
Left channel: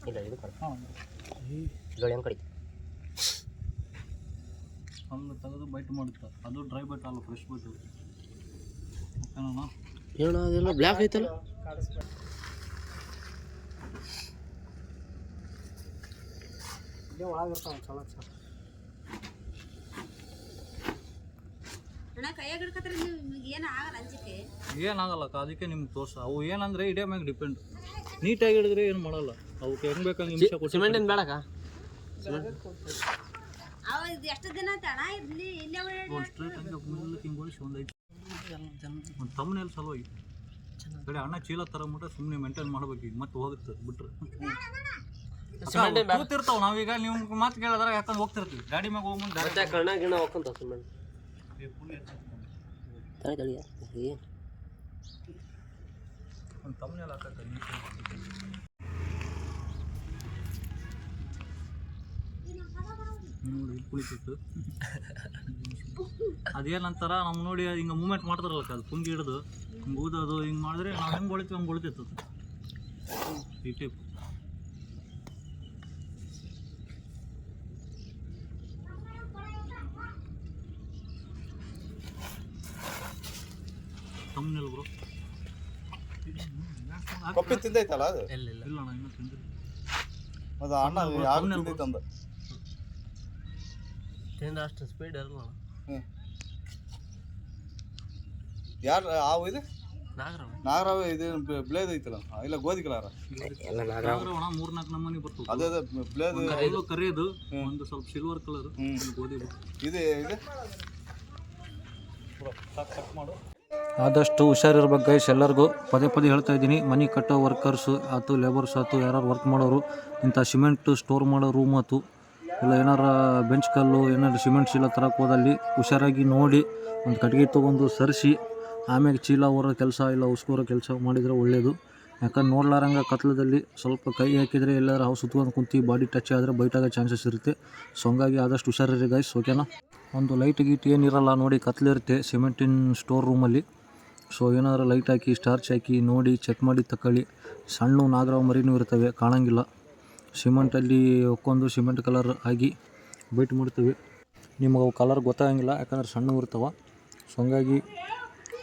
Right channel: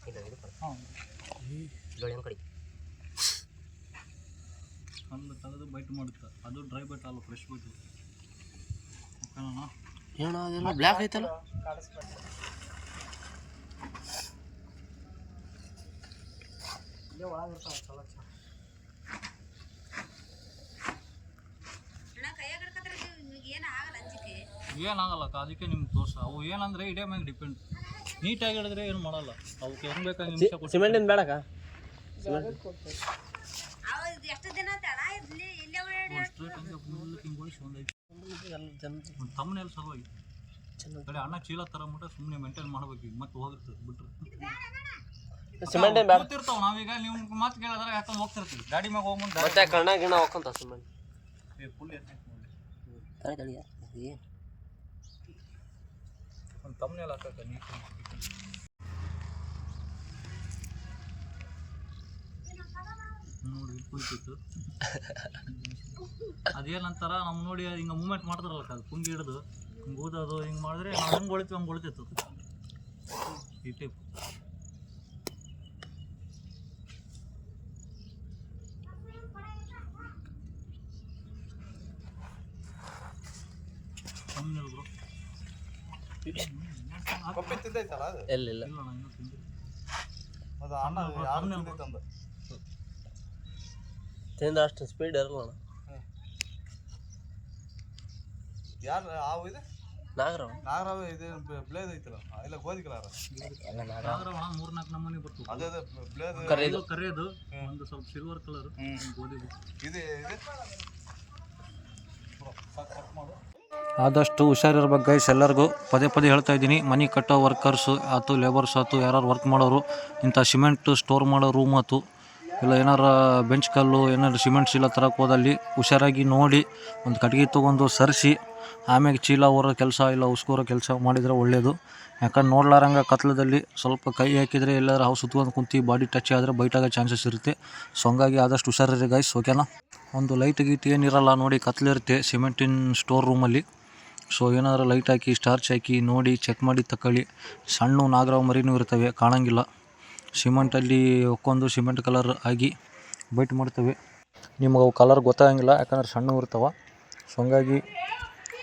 ಇಲ್ಲ ಇದು ಜೋಳಿ ಹೆಂಗೆ ಕಡಿ ಹಂಗೆ ತೆಗೆದು ಬೈಟ್ ಮಾಡುತ್ತೆ. ಅದು ಡ್ರೈ ಬೈಟ್ ಅಲ್ಲ, ಫ್ರೆಶ್ ಬೈಟ್. ಓಕೆನಣ್ಣ? ಏನೋ ಅದೆಲ್ಲ ಬ್ಲ್ಯಾಕ್ ಐತಲ್ಲ. ಏನಾಗಲ್ಲಕ್ಕ, ಅದಕ್ಕೆ ನಿಮ್ಗೆ ತೋರ್ಸ. ಅವು ಏನಂದ್ರೆ ಇಡೇ ಮ್ಯಾಗ ಡಿಪೆಂಡ್. ನೀಟಾಗಿ ಹಿಡಿದ್ರೆ ಏನು ಮಾಡಲ್ಲ. ಅವಕ್ಕೆ ಹೆಂಗೆ ಬೇಕಾಗಿ ನಿಮಿಷ ಕೊಟ್ಟು ಸಿಮೆಂಟಿನ ಬೇಡಕ್ಕ. ಎಷ್ಟು ದಿನ ಸ್ಟ್ರೈಟ್ ಹಂಗೆ ಮುಂದಕ್ಕೆ ಹಿಂಗೆ ಓಡಿಸಿ ಒಂದು ತಮ್ಮನೆಲ್ಲ ಸಲುವಾಗಿ ಕಡೆ ಅಣ್ಣ ಚೀಲ ತರಬಿಟ್ರೆ ಸುಮ್ಮನೆ ಮೇಂಟೈನ್ ಮಾಡ್ಬೇಕು. ಈಗ ಮತ್ತೆ ಹೋಗುತ್ತೆ ಬಿಟ್ರೆ ಕೂತಿರ್ತಾವ. ನಾವೀಗ ನೀವು ಮಾತು ಕೇಳಿದ್ರೆ ಯಾಕಂದ್ರೆ ಹೋಗ್ತಿರ್ತೀವಿ ಗಾಡಿ ಮ್ಯಾಗ ಹೋಗಿ ಮುಂದೆ ಮತ್ತೆ ಕಣ್ಣ ಗಿಣ ಹೋಗ್ಕೊಂತ ಸಿಮೆಂಟ್ ತಳಿ ತಳಿ ಏನು ಒಂದು ತಮ್ಮನೆಲ್ಲ ಹಾಕಕ್ಕೆ ನೋಡಿ ಇಲ್ಲಿ ಕುಳಿತಿತ್ತು. ಅದೇನಂತಾರ ನಮ್ಮ ನೋಡಿ ಹಿಂಗೆ ಮೂಮೆಂಟ್ ಮಾಡ್ತಾರಲ್ಲ, ಅದು ಪುಂಗಿ ಹಿಡಿದು ಹಿಂಗೆ ಊದೋದು ಹಿಂಗೆ ಮಾಡಿದ್ರೆ ನಾವು ಹೆಂಗೆ ಹೊಳಿತೀವಿ ಹಂಗೆ ಹೊಳಿತಿತ್ತು ಈ ಟೈಪ್. ತಮ್ಮನೆಲ್ಲ ಬ್ರೋ ತಿಂದೈತಲ್ಲ ಅದು ಇಲ್ಲ ಇಲ್ಲ ಇಲ್ಲ ಅಣ್ಣ ಇನ್ನೂ ತಿಂದಿಲ್ಲ. ಅದು ಅಣ್ಣ ತಂದ ತಿಂದ್ರೆ ಅಷ್ಟು ಸ್ಪೀಡ್ ಇರಲ್ಲ ಅಣ್ಣ. ಯಾರು ಆವು ಇದು ನಾಗರಾವ್ ನಾಗರಾವ್ ಇದು ಬ್ಲೇದ್ ಐತಲ್ಲ, ಇಲ್ಲ ಗೋಧಿ ಕಲರ್ ಎಲ್ಲ ನಾಗರಾವ್ ಅಣ್ಣ 3-4 ನಮೂನಿ ಬರ್ತದೆ. ಅದೇ ಬ್ಲೇದ್ ಎಲ್ಲೋ ಕರಿಯೋದು, ಒಂದು ಸ್ವಲ್ಪ ಸಿಲ್ವರ್ ಕಲರ್, ಗೋಧಿ ಇದೆ ಇದೆ ಕಟ್ ಮಾಡು. ಆದಷ್ಟು ಹುಷಾರಿರ್ಬೇಕು ಗೈಸ್. ಎಲ್ಲರಿಗೂ ಪದೇ ಪದೇ ಹೇಳ್ತಾ ಇದ್ದೀನಿ, ಮನೆ ಕಟ್ಟೋ ವರ್ಕರ್ಸು ಆಯ್ತು, ಲೇಬರ್ಸ್ ಆಯ್ತು, ಯಾರು ವರ್ಕ್ ಮಾಡೋರು, ಇಂಥ ಸಿಮೆಂಟ್ ಸ್ಟೋರ್ ಮಾಡೋ ರೂಮ್ ಆಯ್ತು, ಇಲ್ಲ ಏನಾರ ಬೆಂಚ್ ಕಲ್ಲು ಏನಾರು ಸಿಮೆಂಟ್ ಚೀಲ ತರಕ್ಕೆ ಹೋದಲ್ಲಿ ಹುಷಾರಾಗಿ ನೋಡಿ ಒಂದು ಕಟ್ಟಿಗೆ ತೊಗೊಂಡು ಸರಿಸಿ ಆಮೇಲೆ ಚೀಲ ಹೊರೋ ಕೆಲಸ ಇಲ್ಲ ಉಸ್ಕೋರೋ ಕೆಲಸ ಮಾಡಿದರೆ ಒಳ್ಳೆಯದು. ಯಾಕಂದ್ರೆ ನೋಡ್ಲಾರಂಗೆ ಕತ್ಲದಲ್ಲಿ ಸ್ವಲ್ಪ ಕೈ ಹಾಕಿದರೆ ಎಲ್ಲರೂ ಹಾವು ಸುತ್ಕೊಂಡು ಕುಂತು ಬಾಡಿ ಟಚ್ ಆದರೆ ಬೈಟಾಗೋ ಚಾನ್ಸಸ್ ಇರುತ್ತೆ. ಸೊ ಹಂಗಾಗಿ ಆದಷ್ಟು ಹುಷಾರಿರಿ ಗೈಸ್, ಓಕೆನಾ? ಒಂದು ಲೈಟ್ ಗೀಟ್ ಏನಿರಲ್ಲ ನೋಡಿ, ಕತ್ಲಿರುತ್ತೆ ಸಿಮೆಂಟಿನ ಸ್ಟೋರ್ ರೂಮಲ್ಲಿ. ಸೊ ಏನಾದರೂ ಲೈಟ್ ಹಾಕಿ ಸ್ಟಾರ್ಚ್ ಹಾಕಿ ನೋಡಿ ಚೆಕ್ ಮಾಡಿ ತಗೊಳ್ಳಿ. ಸಣ್ಣ ನಾಗರಾವ್ ಮರಿನೂ ಇರ್ತವೆ, ಕಾಣಂಗಿಲ್ಲ. ಸಿಮೆಂಟಲ್ಲಿ ಒಕ್ಕೊಂದು ಸಿಮೆಂಟ್ ಕಲರ್ ಆಗಿ ಬೈಟ್ ಮಾಡ್ತವೆ. ನಿಮಗೆ ಅವು ಕಲರ್ ಗೊತ್ತಾಗಂಗಿಲ್ಲ, ಯಾಕಂದ್ರೆ ಸಣ್ಣ ಇರ್ತಾವೆ. ಸೊ ಹಂಗಾಗಿ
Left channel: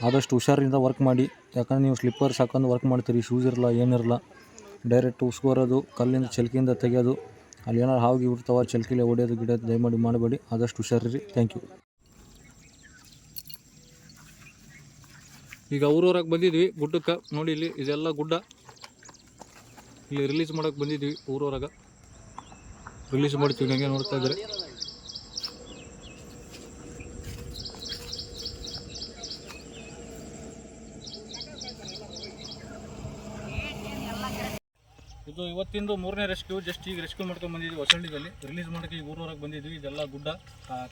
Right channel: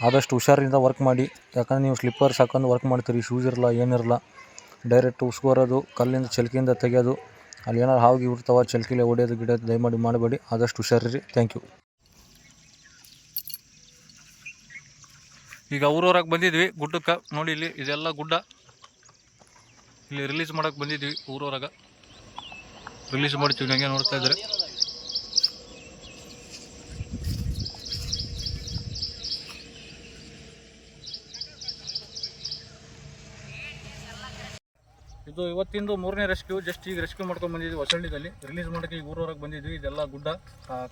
ಆದಷ್ಟು ಹುಷಾರಿಂದ ವರ್ಕ್ ಮಾಡಿ. ಯಾಕಂದ್ರೆ ನೀವು ಸ್ಲಿಪ್ಪರ್ಸ್ ಹಾಕೊಂಡು ವರ್ಕ್ ಮಾಡ್ತೀರಿ, ಶೂಸ್ ಇರಲ್ಲ ಏನಿರಲ್ಲ, ಡೈರೆಕ್ಟ್ ಉಸ್ಕೋರೋದು, ಕಲ್ಲಿಂದ ಚಲ್ಕಿಯಿಂದ ತೆಗೆಯೋದು, ಅಲ್ಲಿ ಏನಾರು ಹಾವಿಗೆ ಇರ್ತಾವೆ, ಚಲ್ಕಿಲೆ ಹೊಡೆಯೋದು ಗಿಡೋದು ದಯಮಾಡಿ ಮಾಡಬೇಡಿ. ಆದಷ್ಟು ಹುಷಾರಿರಿ. Thank you. ಈಗ ಊರೂರಾಗ ಬಂದಿದ್ವಿ ಗುಡ್ಡಕ್ಕೆ. ನೋಡಿ ಇಲ್ಲಿ ಇದೆಲ್ಲ ಗುಡ್ಡ. ಇಲ್ಲಿ ರಿಲೀಸ್ ಮಾಡೋಕ್ಕೆ ಬಂದಿದ್ವಿ ಊರೂರಾಗ. ರಿಲೀಸ್ ಮಾಡ್ತೀವಿ, ನನಗೆ ನೋಡ್ತಾ ಇದ್ದಾರೆ. ಇದು ಇವತ್ತಿಂದು 3ನೇ ರೆಸ್ಕ್ಯೂ. ಜಸ್ಟ್ ಈಗ ರೆಸ್ಕ್ಯೂ ಮಾಡ್ಕೊಂಡು ಬಂದಿದ್ವಿ ಹೊಸಳ್ಳಿದಲ್ಲಿ. ರಿಲೀಸ್ ಮಾಡೋಕ್ಕೆ ಈಗ ಊರೂರಾಗ ಬಂದಿದ್ವಿ. ಇದೆಲ್ಲ ಗುಡ್ಡ,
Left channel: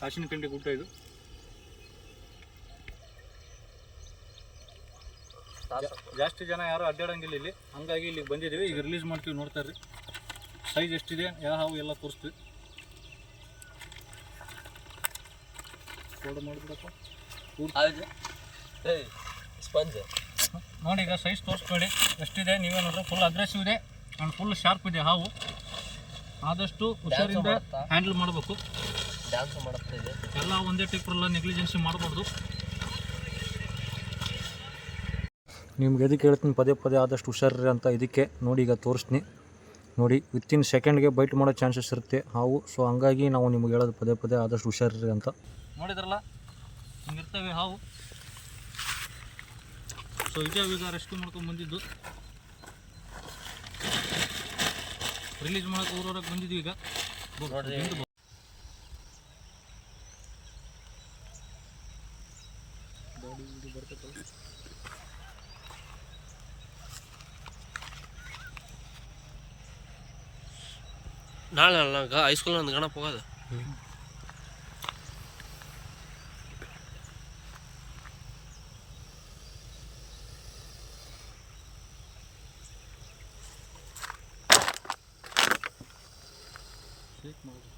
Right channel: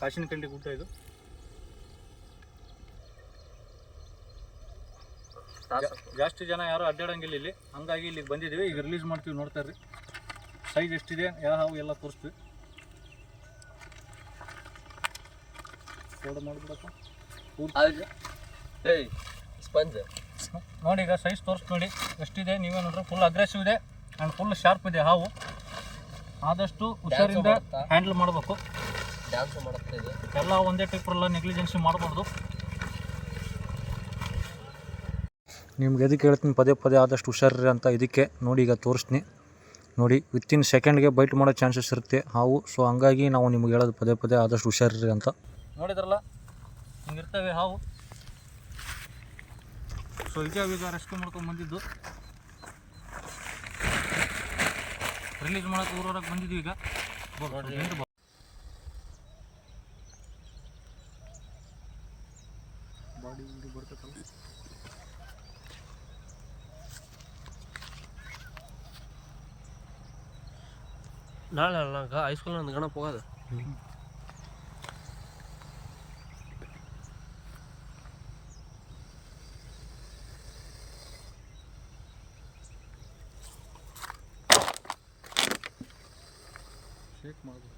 ಕಾಶಿನಕಂಡಿ ಗುಡ್ಡ ಇದು. ಜಾಸ್ತಿ ಜನ ಯಾರು ಅಡ್ಡಾಡಂಗಿಲ್ಲ ಇಲ್ಲಿ, ಹಂಗಾಗಿ ಇಲ್ಲಿಗೆ ಬಂದಿದ್ದೀವಿ. ಈಗ ರಿಲೀಸ್ ಮಾಡ್ತೀವಿ, ನೋಡ್ತಾ ಇರ್ರಿ. ಸೈಜ್ ಎಷ್ಟಿದೆ, ಯಾವ ಎಲ್ಲ ತೋರಿಸ್ತೀವಿ. ಫೋಟೋ ಮಾಡಿಬಿಡಪ್ಪ ಸ್ಪಂಜ್ ನೋಡಿ. ಈಗ ಸೈಜ್ ತೋರಿಸ್ಬೇಡಿ ಎಷ್ಟಿದೆ, ನೀವೇ ನೋಡ್ರಿ. ಫುಲ್ ಅಗ್ರೆಸಿವ್ ಇದೆ ಆ್ಯಂಡ್ ಫುಲ್ ಶಾರ್ಪ್ ಇದೆ ಹಾವು. ಆದಷ್ಟು ಹುಷಾರಿಂದ ಹ್ಯಾಂಡಲ್ ಮಾಡಬೇಕು. ಡ್ಯಾನ್ಸ್ ಮಾಡುತ್ತೆ ಇದೆ. ಎಲ್ಲ ಒಂದೇ ಟೈಪ್ರಲ್ಲ ನೆಗ್ಲಿಜೆನ್ಸಿ ಮಾಡಬಾರ್ದು. ನಿಮ್ಗೆ ಎದಕ್ಕೆ ಹೇಳ್ತೀನಿ ಪದೇ ಪದೇ ಆದಷ್ಟು ಹುಷಾರ್ರಿ ಅಂತ, ಇದಕ್ಕೆ ನೋಡಿ. ಈಗ ತೋರಿಸ್ತೀನಿ ನೋಡಿ. ವಿತಿನ್ ಸೆಕೆಂಡ್ಗೆ ಬೈಟ್ ಮಾಡೋ ಚಾನ್ಸಸ್ ಇರುತ್ತೆ ಹಾವು. ಸೊ ಹಂಗಾಗಿ ನಾವು ನಿಮ್ಗೆ ಹೇಳೋದು ಪದೇ ಪದೇ ಆದಷ್ಟು ಹುಷಾರ್ರಿ ಅಂತ. ನೋಡಿದ್ರಲ್ಲ, ಹಿಂಗಿರ್ತವೆ ಹಾವು. ಸೊ ಇದೇ ಈಗ ರೆಸ್ಕ್ಯೂ ಮಾಡ್ಕೊಂಡು ಬಂದಿದ್ದು. ರಿಲೀಸ್ ಮಾಡೋಕೆ ಊರೂರಾಗ ಬಂದಿದ್ವಿ. ಈಗ ಬಾಡಿ ಬರ್ತೈತಲ್ಲ. ನಾಳೆ ಹೈಸ್ಕೂಲ್ ಒಂದು ಗಣಪ ಹೋಗೋದು. ಶೇಕ್ ಮಾಡೋದು.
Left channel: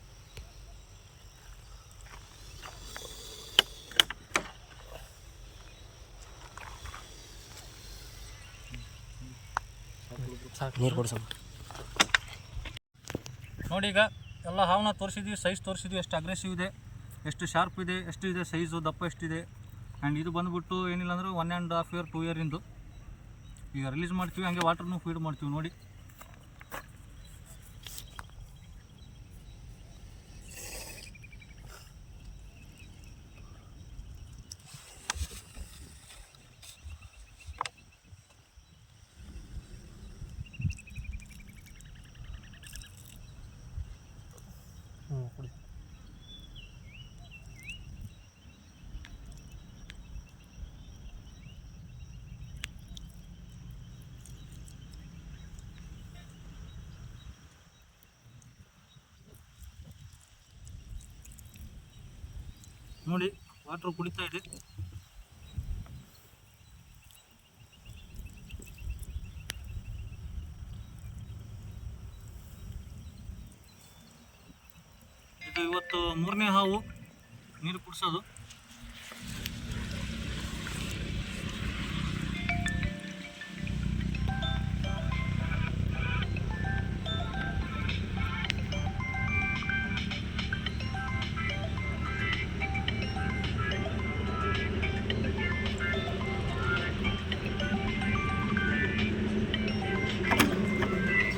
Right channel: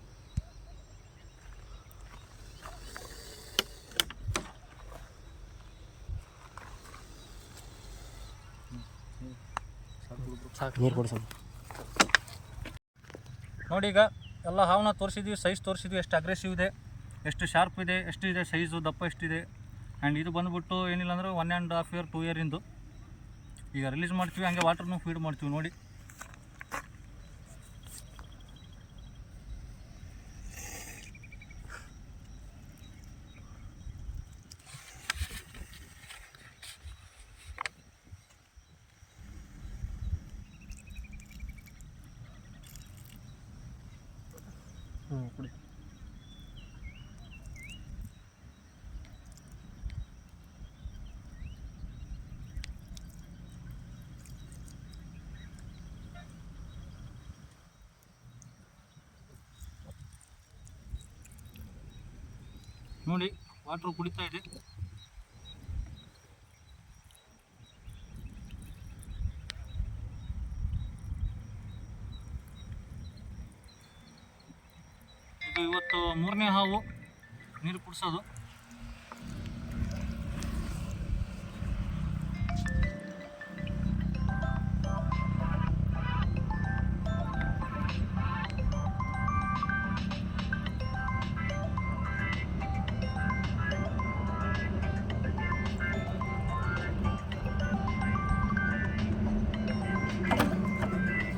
ನೀರು ಕೊಡಿಸ ನೋಡಿ. ಈಗ ಎಲ್ಲ ಹಾವನ್ನ ತೋರಿಸಿದ್ವಿ, ಸೈಜ್ ತೋರಿಸಿದ್ವಿ, ಎಷ್ಟು ಅಗ್ರೆಸಿವ್ ಇದೆ, ಎಷ್ಟು ಶಾರ್ಪ್ ಇದೆ, ಎಷ್ಟಿದೆ ಸೈಜು, ದಪ್ಪ ಎಷ್ಟಿದೆ. ಆ್ಯಂಡ್ ಇದು ಬಂದುಬಿಟ್ಟು ಏನಿಲ್ಲ ಅಂದ್ರೆ 1.5 ಇಯರ್ 2 ಇಯರಿಂದು. ಈಗ ರಿಲೀಸ್ ಮಾಡ್ತೀವಿ, ಹಂಗೆ ವಾಟರ್ನೂ ಫೀಡ್ ಮಾಡ್ತೀವಿ ನೋಡಿ. ಕುಡಿ. ನೋಡಿ, ವಾಟರ್ ಕುಡಿತಾ ಇದೆ. ಇದು ಇವತ್ತು 3ನೇ ಹಾವು ನೀರು ಕುಡಿಸೋದು.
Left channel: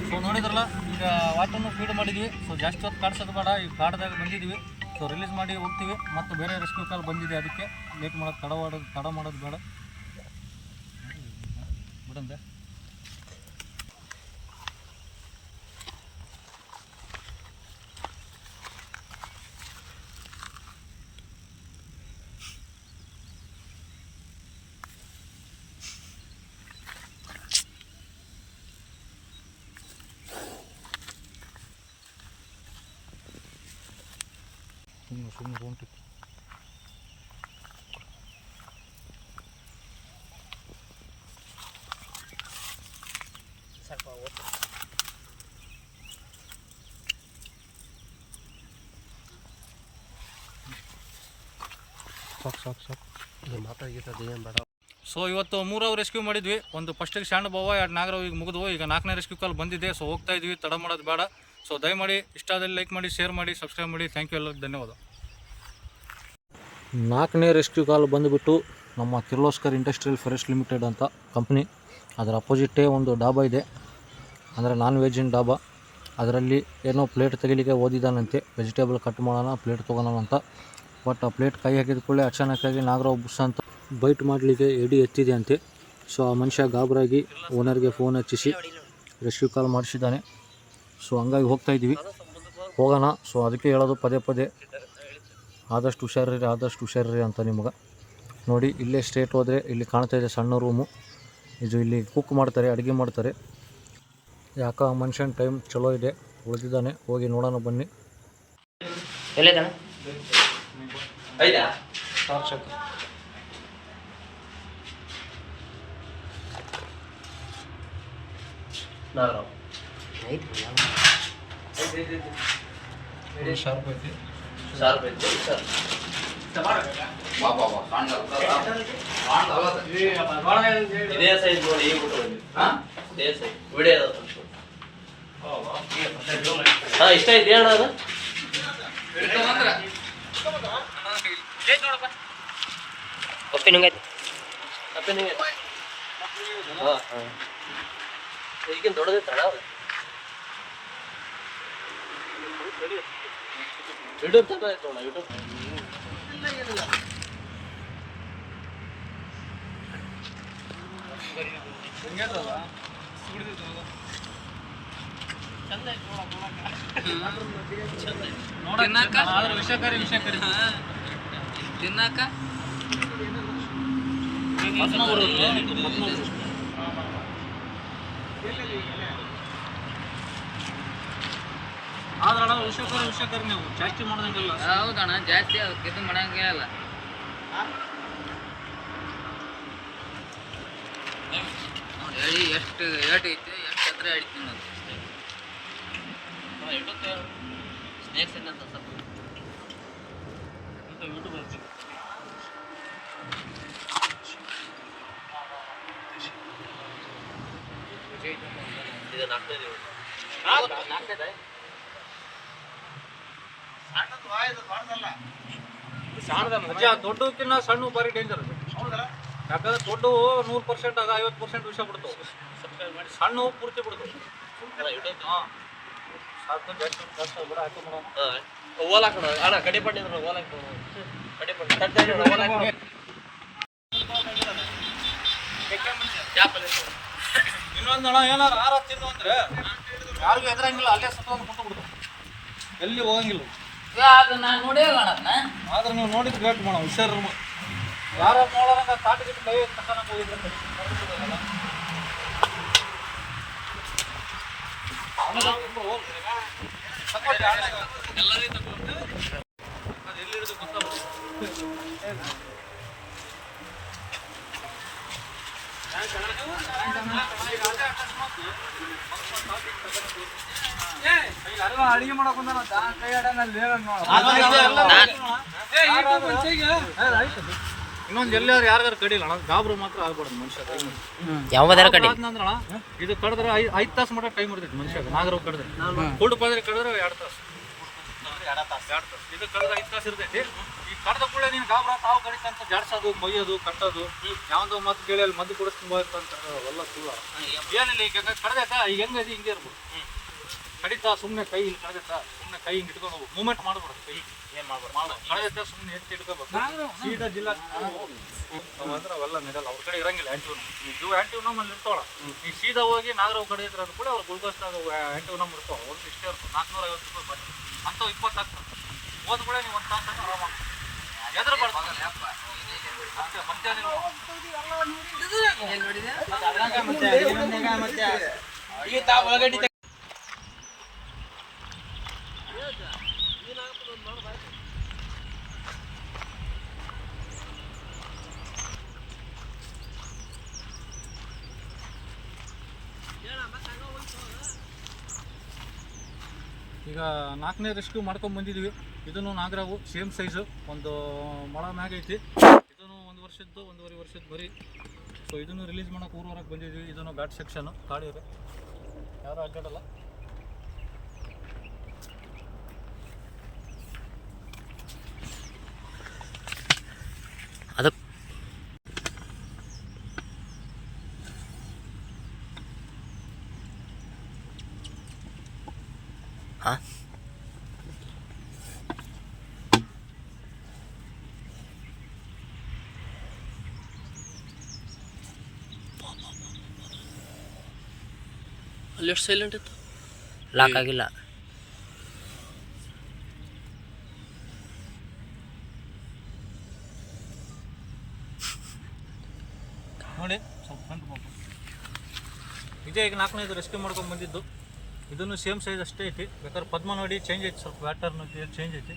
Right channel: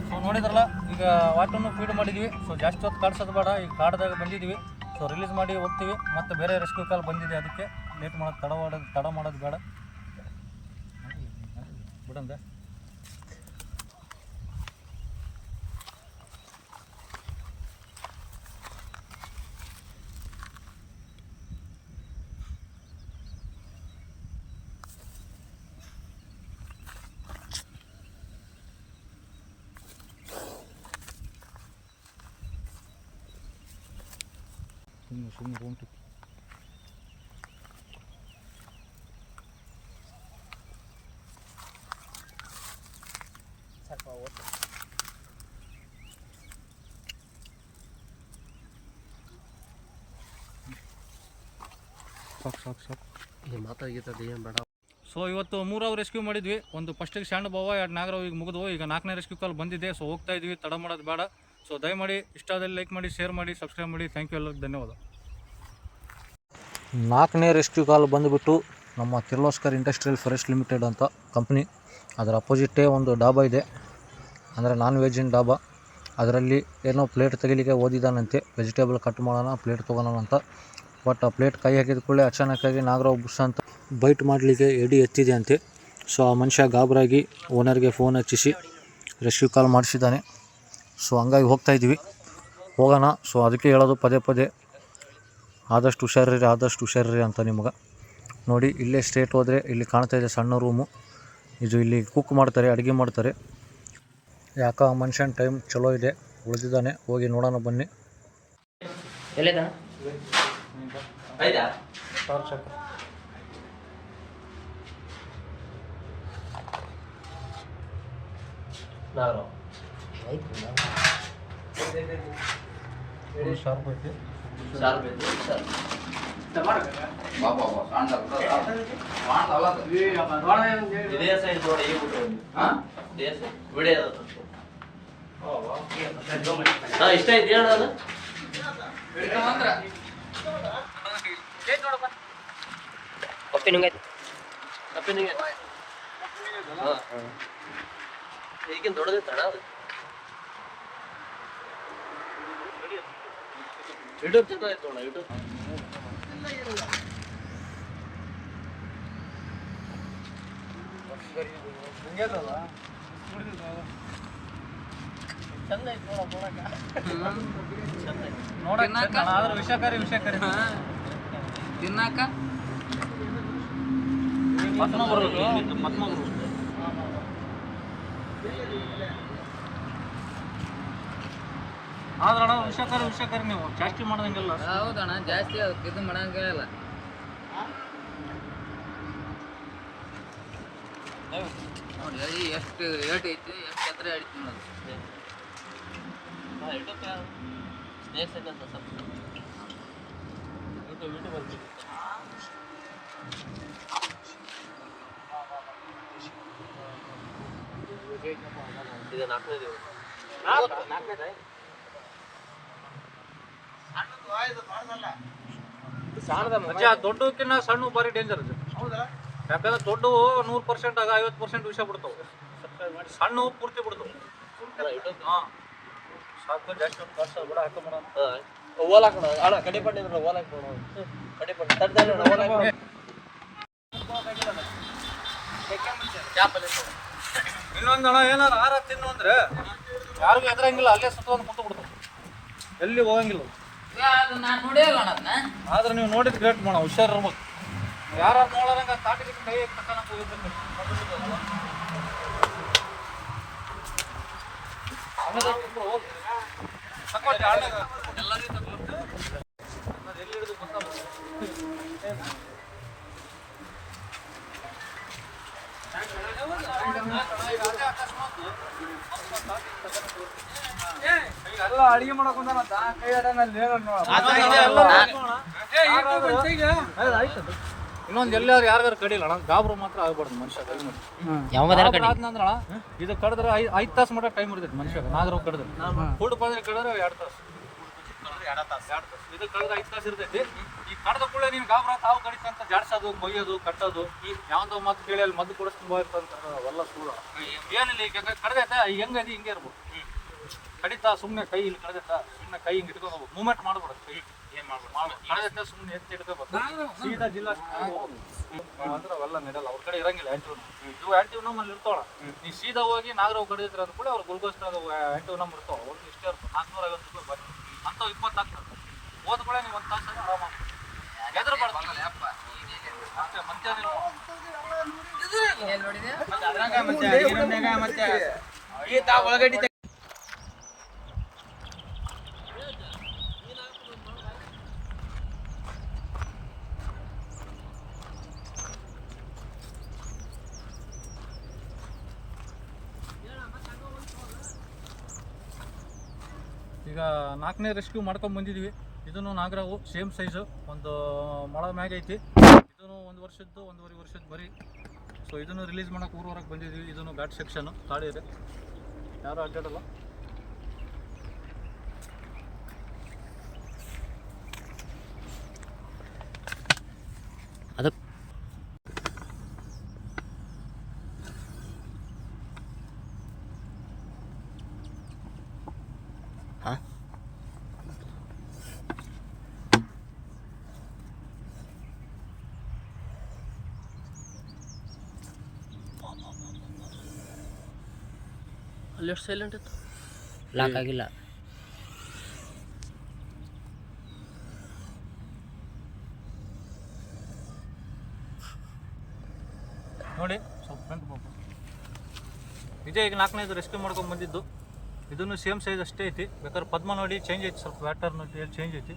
ಸೊ ನೋಡಿದ್ರಲ್ಲ, ಈಗ ವಾಟರ್ನು ಫೀಡ್ ಮಾಡಿದ್ವಿ. ಸೊ ಜಾಸ್ತಿ ಹೊತ್ತು ಕಾಡ್ಸೋದು ಬೇಡ. ಈಗ ಕಾಡ್ದಾಗ ಬಂದಿದ್ವಿ. ಸೊ ರಿಲೀಸ್ ಮಾಡಿ ಹೋಗ್ತೀವಿ. ಮತ್ತು ಬೇರೆ ರೆಸ್ಕ್ಯೂ ಕಾಲ್ ಬಂದಿದೆ, ಅದಕ್ಕೆ ಲೇಟ್ ಮಾಡೋದು ತಡ ಮಾಡೋದು ಬೇಡ ಬಿಡಂದೆ. ಸುಮ್ಮನೆ ರೂಮ್ ಟಿಕ್. ಸೊ ಇವತ್ತು 3 ಅವರ್ ರೆಸ್ಕ್ಯೂ ಮಾಡಿದ್ವಿ. ಒಂದು ಫಸ್ಟಿಗೆ ಶಾಂಡ್ ಬಾವ, 2 ನಾಗರಾವ್ ಈಗ ಮುಗಿದ್ವು. ಈಗ 4ನೇ ರೆಸ್ಕ್ಯೂ ಕಾಲ್ ಬಂದಿದೆ. ಸೊ ಹೋಗ್ತಾ ಇದ್ವಿ, ತಡ ಮಾಡೋದು ಬೇಡ. ಸೊ ದಯಮಾಡಿ ಇಷ್ಟ ಆದಲ್ಲಿ ಲೈಕ್ ಮಾಡಿ, ಶೇರ್ ಮಾಡಿ, ಸಬ್ಸ್ಕ್ರೈಬ್ ಮಾಡಿ. ಥ್ಯಾಂಕ್ ಯು, ಎಲ್ಲರಿಗೂ ಧನ್ಯವಾದ. 4ನೇ ರೆಸ್ಕ್ಯೂ ಕಾಲ್ ಬಂದುಬಿಟ್ಟು ನಮ್ಮ ಕಿರ್ಲೋಸ್ಕರ್ ಇಂಡಸ್ಟ್ರಿಯಲ್ ಫಾರೆಸ್ಟ್ ಲಿಮಿಟೆಡ್ ಅಂತ ಕಂಪ್ನಿ. ಅದರ ಅಪೋಸಿಟೇ ಒಂದು ಡಾಬಾ ಇದೆ, ಅಂದರೆ ನಾನ್ ವೆಜ್ಜಿನ ಡಾಬಾ. ಅದರಲ್ಲಿ ಏನೋ ಪ್ಲೇಟ್ ತೆಗಿಲಿಕ್ಕೆ ಓದಿದ್ದಾನಂತೆ. ವೆಜಿಟೇಬಲ್ ಕಟ್ ಮಾಡೋಣ, ಪ್ಲೇಟ್ ತೊಗೊಳೋಣ ಅಂತ. ಬಟ್ ಆ ಪ್ಲೇಟ್ ಕೈ ಹಾಕಿದ ಕೂಡಲೇ ಅಚಾನಕ್ಕಾಗಿ ನಾಗರಾವ್ ಬುಸ್ ಅಂತ ಬೈಟ್ ಮಾಡಲಿಕ್ಕೆ ಎಡಿ ಎತ್ತಿದೆ ಅಂತೆ. ಸೊ ಆ ಮನುಷ್ಯ ಗಾಬರಾಗಿ ಓನರ್ಗೆ ಫೋನ್ ಹಚ್ಚಿಸಿ ರೆಸ್ಕ್ಯೂ ಕಾಲ್ ಮಾಡಿಸಿದ್ದಾನೆ. ಸೊ ಹಂಗಾಗಿ ಹೋಗ್ತಾಯಿದ್ವಿ, ಹೋಗೋಣ. ಸೊ ಅದಕ್ಕೆ ಹೇಳೋದು ಪದೇ ಪದೇ, ಆದಷ್ಟು ಹುಷಾರಿರಿ ಅಂತ ನಿಮಗೆ. ನೋಡಿ ಇಲ್ಲೇ ಸ್ಟ್ರೇಟ್ ಹೋದರೆ ಇಲ್ಲಿ ಕಾಣ್ತಾಯಿದೆ ಸಣ್ಣ ರೂಮು. ಇದು ಇಲ್ಲಿ ಕುಕ್ ಮಾಡ್ತಾರೆ, ಅಡುಗೆ ಮಾಡ್ತಾರೆ. ಯಾಕೋ ಆ ಮನುಷ್ಯನ ಟೈಮ್ ಚಲೋ ಇದೆ, ಉಳಿದಿದ್ದಾನೆ. ಹೋಗಿ ನೋಡೋಣ ಬನ್ನಿ. ಎಲ್ಲಿದ್ದಾನ? ಐದಾ? ಇದೇ ಸೈಜ್ ನೋಡಿ, ಇದೇ ಸೈಜ್ ವಿಡಿಯೋ ಇಷ್ಟ ಇದೆ ಹೇಳ ಅದು. ಕಪ್ಪೆ ನುಂಗೈತಿ, ಈಗಿನ ದೊಡ್ಡದೈತಣ ಅದು. ಯೂಟ್ಯೂಬ್ ಚಂದ ಆಯ್ತು ನೋಡ, ಯೂಟ್ಯೂಬ್ ಚಂದ ಆಯ್ತು ನೋಡಕ್ಕ. ಆದ್ರೆ ವಿಷಕಾರಿ ತಿನ್ನಕ ಆದ್ರಣ ವಿಷಕಾರಿ ನೀವು ಜಾಸ್ತಿ ಮಾಡೋದಂಗಿಲ್ಲ. ಹೌದಣ್ಣ, ಜಾಸ್ತಿ ಅದಕ್ಕೆ ಇದು ಮಾಡಂಗೇ ಇಲ್ಲ. ಎಳಿ ಎಷ್ಟು ಏಟ್ ಐತಿ, ಎಷ್ಟು ಹತ್ರ ಅಡಿತೀನಿ ಅದು. ಸ್ನೇಕ್ಸ್ ಅಂತ ಸ್ವಲ್ಪ ಯೂಟ್ಯೂಬ್ ಅಲ್ಲಿ ಇದು ನಾಲ್ಕನೇದು. ಅಜ್ಜ ದೊಡ್ಡಕ್ಕಿನ್ನ ಸಣ್ಣ ಭಾರಿ ಡೇಂಜರ್ ಅದು. ಯಾಕಂದ್ರೆ ದೊಡ್ಡ 100% ಆಗ 50% ವಿಷ ಬಿಡ್ತಾವೆ, ಸಣ್ಣ ಪೂರ್ತಿ ಬಿಡ್ತಾವೆ. ಹಾಂ ಸಾಕು, ಜಾಸ್ತಿ ಬೇಡ, ಹಾಕೋಣ. ಓಲ್ ಹಾಕೋಣ ಅಣ್ಣ, ಕಡಿಪಟ್ಟಿ ಓಲ್ ಹಾಕೋಣ. ಇನ್ನೊಂದಣ ಏನಾರು ಆರ ತಿನ್ನು ಅಂದ್ರೆ ಯಾರಿಗೂ ಎದುರಂಗಿಲ್ಲ, ಅಲ್ಲೇ ಸುತ್ತಕೊಂಡು ಕುಂತು ಬಿಡ್ತಾವೆ, ಎಲ್ಲಿ ಹೋಗಂಗಿಲ್ಲ. ಅದು ನಾನು ನೋಡಿಲ್ಲ ಅಣ್ಣ. ಆದ್ರೆ ನೀವು ನೋಡಿದ್ ಗ್ರೇಟ್ ಮಾಡ, ಹುಷಾರು. ಯಾರು ನೋಡೋದಂಗ ತಾಟಿಗಿಟ್ಟು ಕೈ ತಕ್ಕನಕ್ಕೆ ಹೋಗಿದ್ರೆ ಎಲ್ಲಿ ಹಿಡಿದು ಗೊತ್ತಾಗ. ಅಡಿಗೆ ಮಾಡಕ್ ಕೈ ಆಡಂಗ ಇನ್ನೊಂದು ಎಲ್ಲಾರು ಯಾರು ಕಡಿಲ್ಲ ಅಣ್ಣ, ಗಾಬರು ಮಾತ್ರ ಆಗ್ಬಾರ್ದು ಮನುಷ್ಯ. ಕೈ ಮಾಡಿ ಯಾವ ಕಡಿ ಆದ್ನಂದ್ರ ಇದು ಕಡಿದ್ರೆ 5 ತಾಸು ಮಟ್ಟ ಟೈಮ್ ಹಿಡಿದೈತೆ ಮನುಷ್ಯ. ನಾಗರು ಕಡಿದ್ರೆ ಫುಡ್ ಬಂದ್ರೆ ಕಡಿದ್ರೆ 2 ತಾಸು, ಇದು ಕಳೆದ್ರೆ 5 ತಾಸು ಇರ್ತೈತಿ. ಈ ಕಡ್ದ ಕೂಡ ನೀನು ಗಾಬರ ತಾವು ಕಡಿತಂತ ಜಾಡ್ಸೋದು, ಮೊಯ್ಯೋದು, ಕಟ್ಟೋದು, ಯಾವ್ದೋ ಮಾತು ಕೇಳಿ ಅಲ್ಲಿ ಮದ್ದು ಕುಡಿಸ್ಕೊಂಬ ಅವೆಲ್ಲ ಸುಳ್ಳು. ಏನಿಲ್ಲ, ಈಗ ಕಡ್ದೈತೆ ಹೆಂಗದಿ ಹಿಂಗೆ ಇರ್ಬೋದು. ಕಡಿತಾ ಸುಮ್ಮನೆ ಕೈ ಇಲ್ಲಿ ಕಡ್ದೈತಾ, ಸುಮ್ಮನೆ ಕೈ ಹಿಂಗೆ ಇಟ್ಕೊಂಡು ಹೋಗ್ಬೇಕು, ಮೂವ್ಮೆಂಟ್ ಮಾಡ್ಬಿಡೋದು. ಕೈ ಏನು ಮಾಡ್ಬೋದು, ಕಡ್ದೈತೆ ಸುಮ್ಮನೆ ಎತ್ತಿ ಇಟ್ಕೋಬೇಕು, ಸೀದಾ ಜಿಲ್ಲಾ ಅಂದ್ರೆ ಅವೆಲ್ಲ ನೆರಲ್ಲ. ಅವ್ರ ಕಡೆ ಇರಂಗಿಲ್ಲ ಆ್ಯಂಟಿವ್ನ. ಇವು ಆ್ಯಂಟಿವ್ನಮ್ ಅಲ್ಲಿ ಇರ್ತವಳ. ಈ ಸೀದಾ ಹೋಗಿ ನಾಗರ ಕಡಿದ್ರ ಅಂತ ಕೂಡ ಅವ್ರು ಗುಲ್ಗೋಸ್ದಾಗ ಆ್ಯಂಟಿವ್ನಮ್ ಇರ್ತಾವ. ಒಂದು ಇಷ್ಟೇ ಇರ್ತವೆ, 450 ರೂಪಾಯಿ ಬನ್ನಿ ಅಂಥವು 20 ಆಗ್ತದೆ. ಹೋದ ಕೂಡ ನೀವು 1 ತಾಸು ಆರಾಮ ಎದುರು ಬರ್ತಾರೆ. ಮತ್ತೆ ಈಗ 4ನೇ ರೆಸ್ಕ್ಯೂ ಮಾಡ್ಕೊಂಡು ಬಂದಿದ್ದೀವಿ. ಇದನ್ನು ನಾಗರಾವು ಸೇಮ್ ಸೈಜು, ಒಂದು ಮೊಳ ಮ್ಯಾಗ ಐತಿ. ಇದನ್ನು 1 ವರ್ಷದ್ದು 1.5 ವರ್ಷದ ಬರೀ. ಸೊ ಇದನ್ನು ರಿಲೀಸ್ ಮಾಡೋಕೆ ಊರವರೆಗೆ ಬಂದಿದ್ದೀವಿ. ಇದನ್ನು ಘಾಟ್ ಸೆಕ್ಷನು, ಕಾಡಿ ಇದೆ, ಯಾರು ಅಡ್ಡಾಡಲ್ಲ. ಅದಕ್ಕೆ ಹಾಂ ಅಲ್ಲಿ ಎಷ್ಟು ಸೈಲೆಂಟ್ ಇತ್ತು ಲಾಕ್ ಆಗಿಲ್ಲ. ನೋಡಿ ಸ್ವಲ್ಪ ಫ್ರಂಟ್ ಪಾಪ ಇದೇ ಈಗ 4ನೇದು ರೆಸ್ಕ್ಯೂ ಮಾಡ್ಕೊಂಡು ಬಂದಿದ್ದು. ಇದನ್ನು ಸೇಮ್ ಸೈಜ್ ಅಷ್ಟೇ ಐತಿ. ಬೇಕಾದ್ರೆ ಪದ್ಮ ನೋಡಿ ಚೇಂಜ್ ಐತಿ, ಸ್ವಲ್ಪ ವ್ಯಾಟರ್ನ ಚೇಂಜ್ ಐತಿ.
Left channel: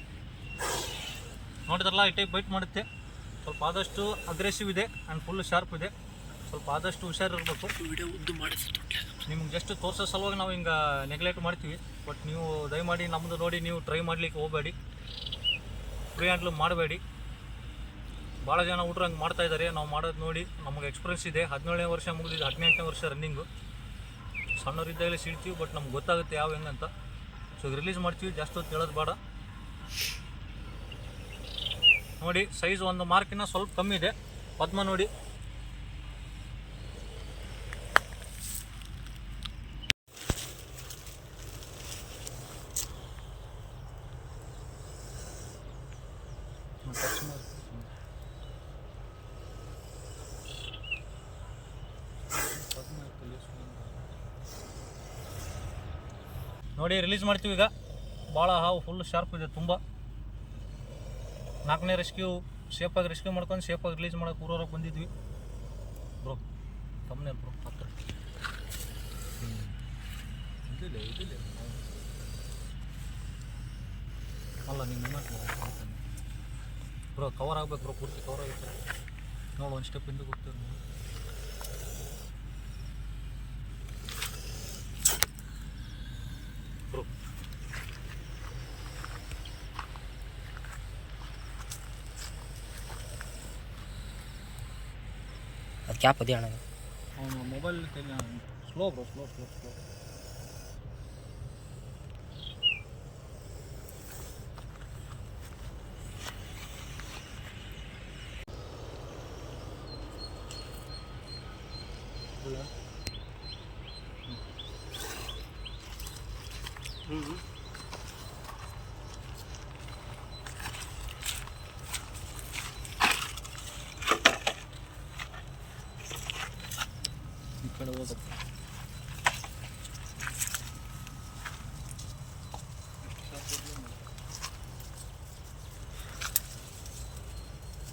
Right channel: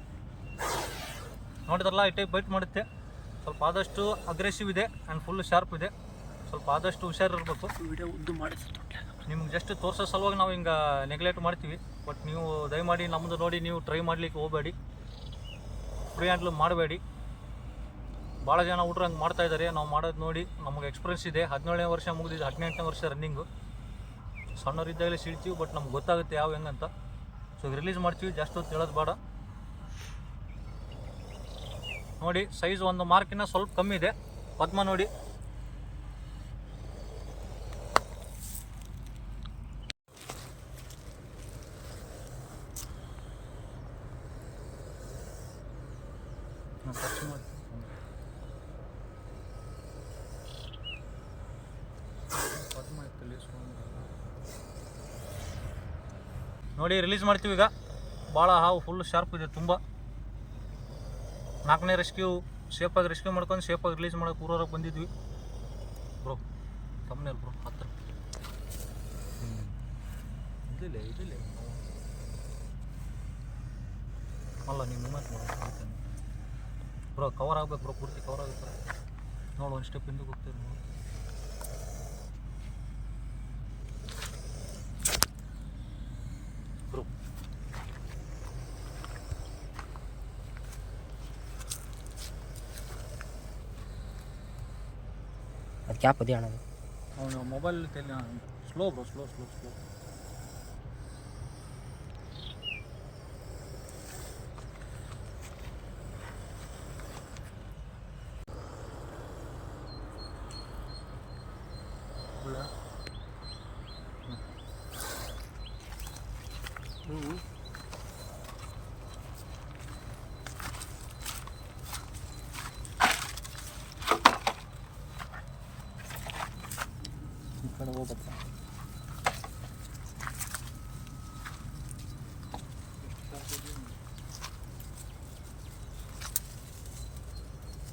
ನೋಡಿದ್ರಲ್ಲ ಈ ಟೈಪ್ ಬೈಟ್ ಮಾಡುತ್ತೆ. ಸ್ವಲ್ಪ ಆದಷ್ಟು ಅಗ್ರೆಸಿವ್ ಇದೆ ಆ್ಯಂಡ್ ಫುಲ್ ಶಾರ್ಪ್ ಇದೆ. ಸ್ವಲ್ಪ ಆದಷ್ಟು ಹುಷಾರಿರಬೇಕು. ವಿಡಿಯೋ ಉದ್ದು ಮಾಡಿಸಿ ನಿಮ್ಗೆ ಜಸ್ಟ್ ತೋರಿಸೋ ಸಲುವಾಗಿ ನಾವು ಹಿಂಗೆ ನೆಗ್ಲೆಕ್ಟ್ ಮಾಡ್ತೀವಿ. ಬಟ್ ನೀವು ದಯಮಾಡಿ ನಮ್ಮದು ನೋಡಿ ನೀವು ಟ್ರೈ ಮಾಡಲಿಕ್ಕೆ ಹೋಗಬೇಡಿ, ಫ್ರೀ ಹ್ಯಾಂಡ್ಲು ಮಾಡಬೇಡಿ. ಭಾಳ ಜನ ಹುಡ್ರು ಹಂಗೆ ಮಾಡ್ತಾಯಿದ್ದಾರೆ. ನಾವು ಮಾಡೋದು ನೋಡಿ ನಮಗೆ ಎಕ್ಸ್ಪೀರಿಯನ್ಸ್ ಇದೆ. 17ನೇ ವರ್ಷ ಮುಗಿದಿದೆ, 18ನೇ ವರ್ಷ ರನ್ನಿಂಗು. ಸಣ್ಣವರಿದ್ದಾಗಲೇ ಸಿಡ್ತೀವಿ, ಬಟ್ ನಮ್ಗೆ ಗೊತ್ತಾಗುತ್ತೆ ಯಾವ ಹೆಂಗಂತ. ಸೊ ರಿಲೀಸ್ ಮಾಡ್ತೀವಿ, ಜಾಸ್ತಿ ಹೊತ್ತು ಹೇಳೋದು ಬೇಡ. ನೋಡಿ ಸೈಜ್ ಒಂದು ಮಾರ್ಕಿನ ಸ್ವಲ್ಪ ಕಮ್ಮಿ ಇದೆ. ಪದ್ಮ ನೋಡಿ ಟಚ್ ಮಾಡಿ ಪದ್ಮ ನೋಡಿ ರಿಲೀಸ್ ಮಾಡ್ತೀವಿ ಈಗ. ಭಾಳ ಹಾವು ಫುಲ್ ಶಾರ್ಪ್ ಇದೆ ತುಂಬ. 4ನೇ ರೆಸ್ಕ್ಯೂ ಸೇಫಾಗಿ ರೆಸ್ಕ್ಯೂ ಮಾಡ್ಕೊಂಡು ಸೇಫಾಗಿ ರಿಲೀಸ್ ಮಾಡೋಕೆ ಊರವ್ರಿಗೆ ಬಂದಿದ್ವಿ ಬ್ರೋ. ತಮ್ಮನೇಲಿ ಬ್ರೋ ಹತ್ರ ಇದಿಲ್ಲ ಅಲ್ಲ ನೀವು ಮೂಮೆಂಟ್ ಮಾಡ್ತೀನಿ ಬ್ರೋ. ಕವರ್ ಆಗ್ಬೇಕು ಬ್ರೋ, ಪೂರ್ತಿ ಕವರ್ ಆಗುತ್ತೆ. ನೋಡು ಒಂದು ಸ್ಟೆಪ್ ಹಿಂದೆ ಹೋಗ್ತೀವಿ ನೋಡಿ ಬ್ರೋ. ಅದು ಕ್ಯಾಪ್ ಅದೇ ಅಣ್ಣ. ಅವನು ಮೊಬೈಲ್ ಸ್ಲೋ ಬ್ರೋ, ಸ್ಲೋ. ಈ ಕಡೆ ಹೋಗಪ್ಪ.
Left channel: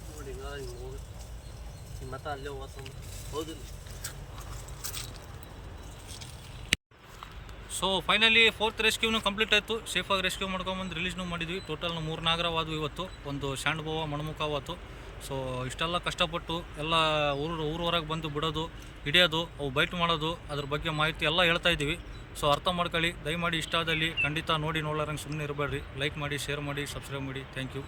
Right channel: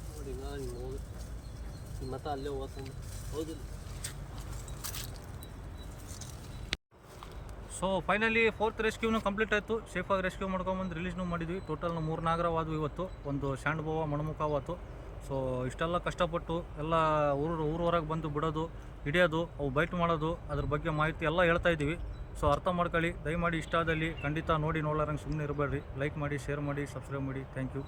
ನೋಡಿ ಈಗ ಹಿಂಗೆ ಹೋಗುತ್ತೆ ಮತ್ತೆ ಅಲ್ಲೇ ಹೋಗ್ತಾನೆ. ಹೌದಿಲ್ಲ? ಸೊ ಫೈನಲಿ 4th ರೆಸ್ಕ್ಯೂನು ಕಂಪ್ಲೀಟ್ ಆಯಿತು. ಸೇಫಾಗಿ ರೆಸ್ಕ್ಯೂ ಮಾಡ್ಕೊಂಬಂದು ರಿಲೀಸ್ನೂ ಮಾಡಿದ್ವಿ. ಟೋಟಲ್ 3 ನಾಗರವಾದವು ಇವತ್ತು. ಒಂದು ಶಾಂಡ್ಬೋವ ಮಣಮುಖ ಆವತ್ತು. ಸೊ ಇಷ್ಟೆಲ್ಲ ಕಷ್ಟಪಟ್ಟು ಎಲ್ಲ ಊರವರೆಗೆ ಬಂದು ಬಿಡೋದು, ಹಿಡಿಯೋದು, ಅವು ಬೈಟ್ ಮಾಡೋದು, ಅದ್ರ ಬಗ್ಗೆ ಮಾಹಿತಿ ಎಲ್ಲ ಹೇಳ್ತಾ ಇದ್ದೀವಿ. ಸೊ ಅರ್ಥ ಮಾಡ್ಕೊಳ್ಳಿ. ದಯಮಾಡಿ ಇಷ್ಟ ಆದಲ್ಲಿ ಖಂಡಿತ ನೋಡಿ ನೋಡೋರಂಗೆ ಸುಮ್ಮನೆ ಇರಬೇಡ್ರಿ. ಲೈಕ್ ಮಾಡಿ, ಶೇರ್ ಮಾಡಿ, ಸಬ್ಸ್ಕ್ರೈಬ್ ಮಾಡಿ. Thank you.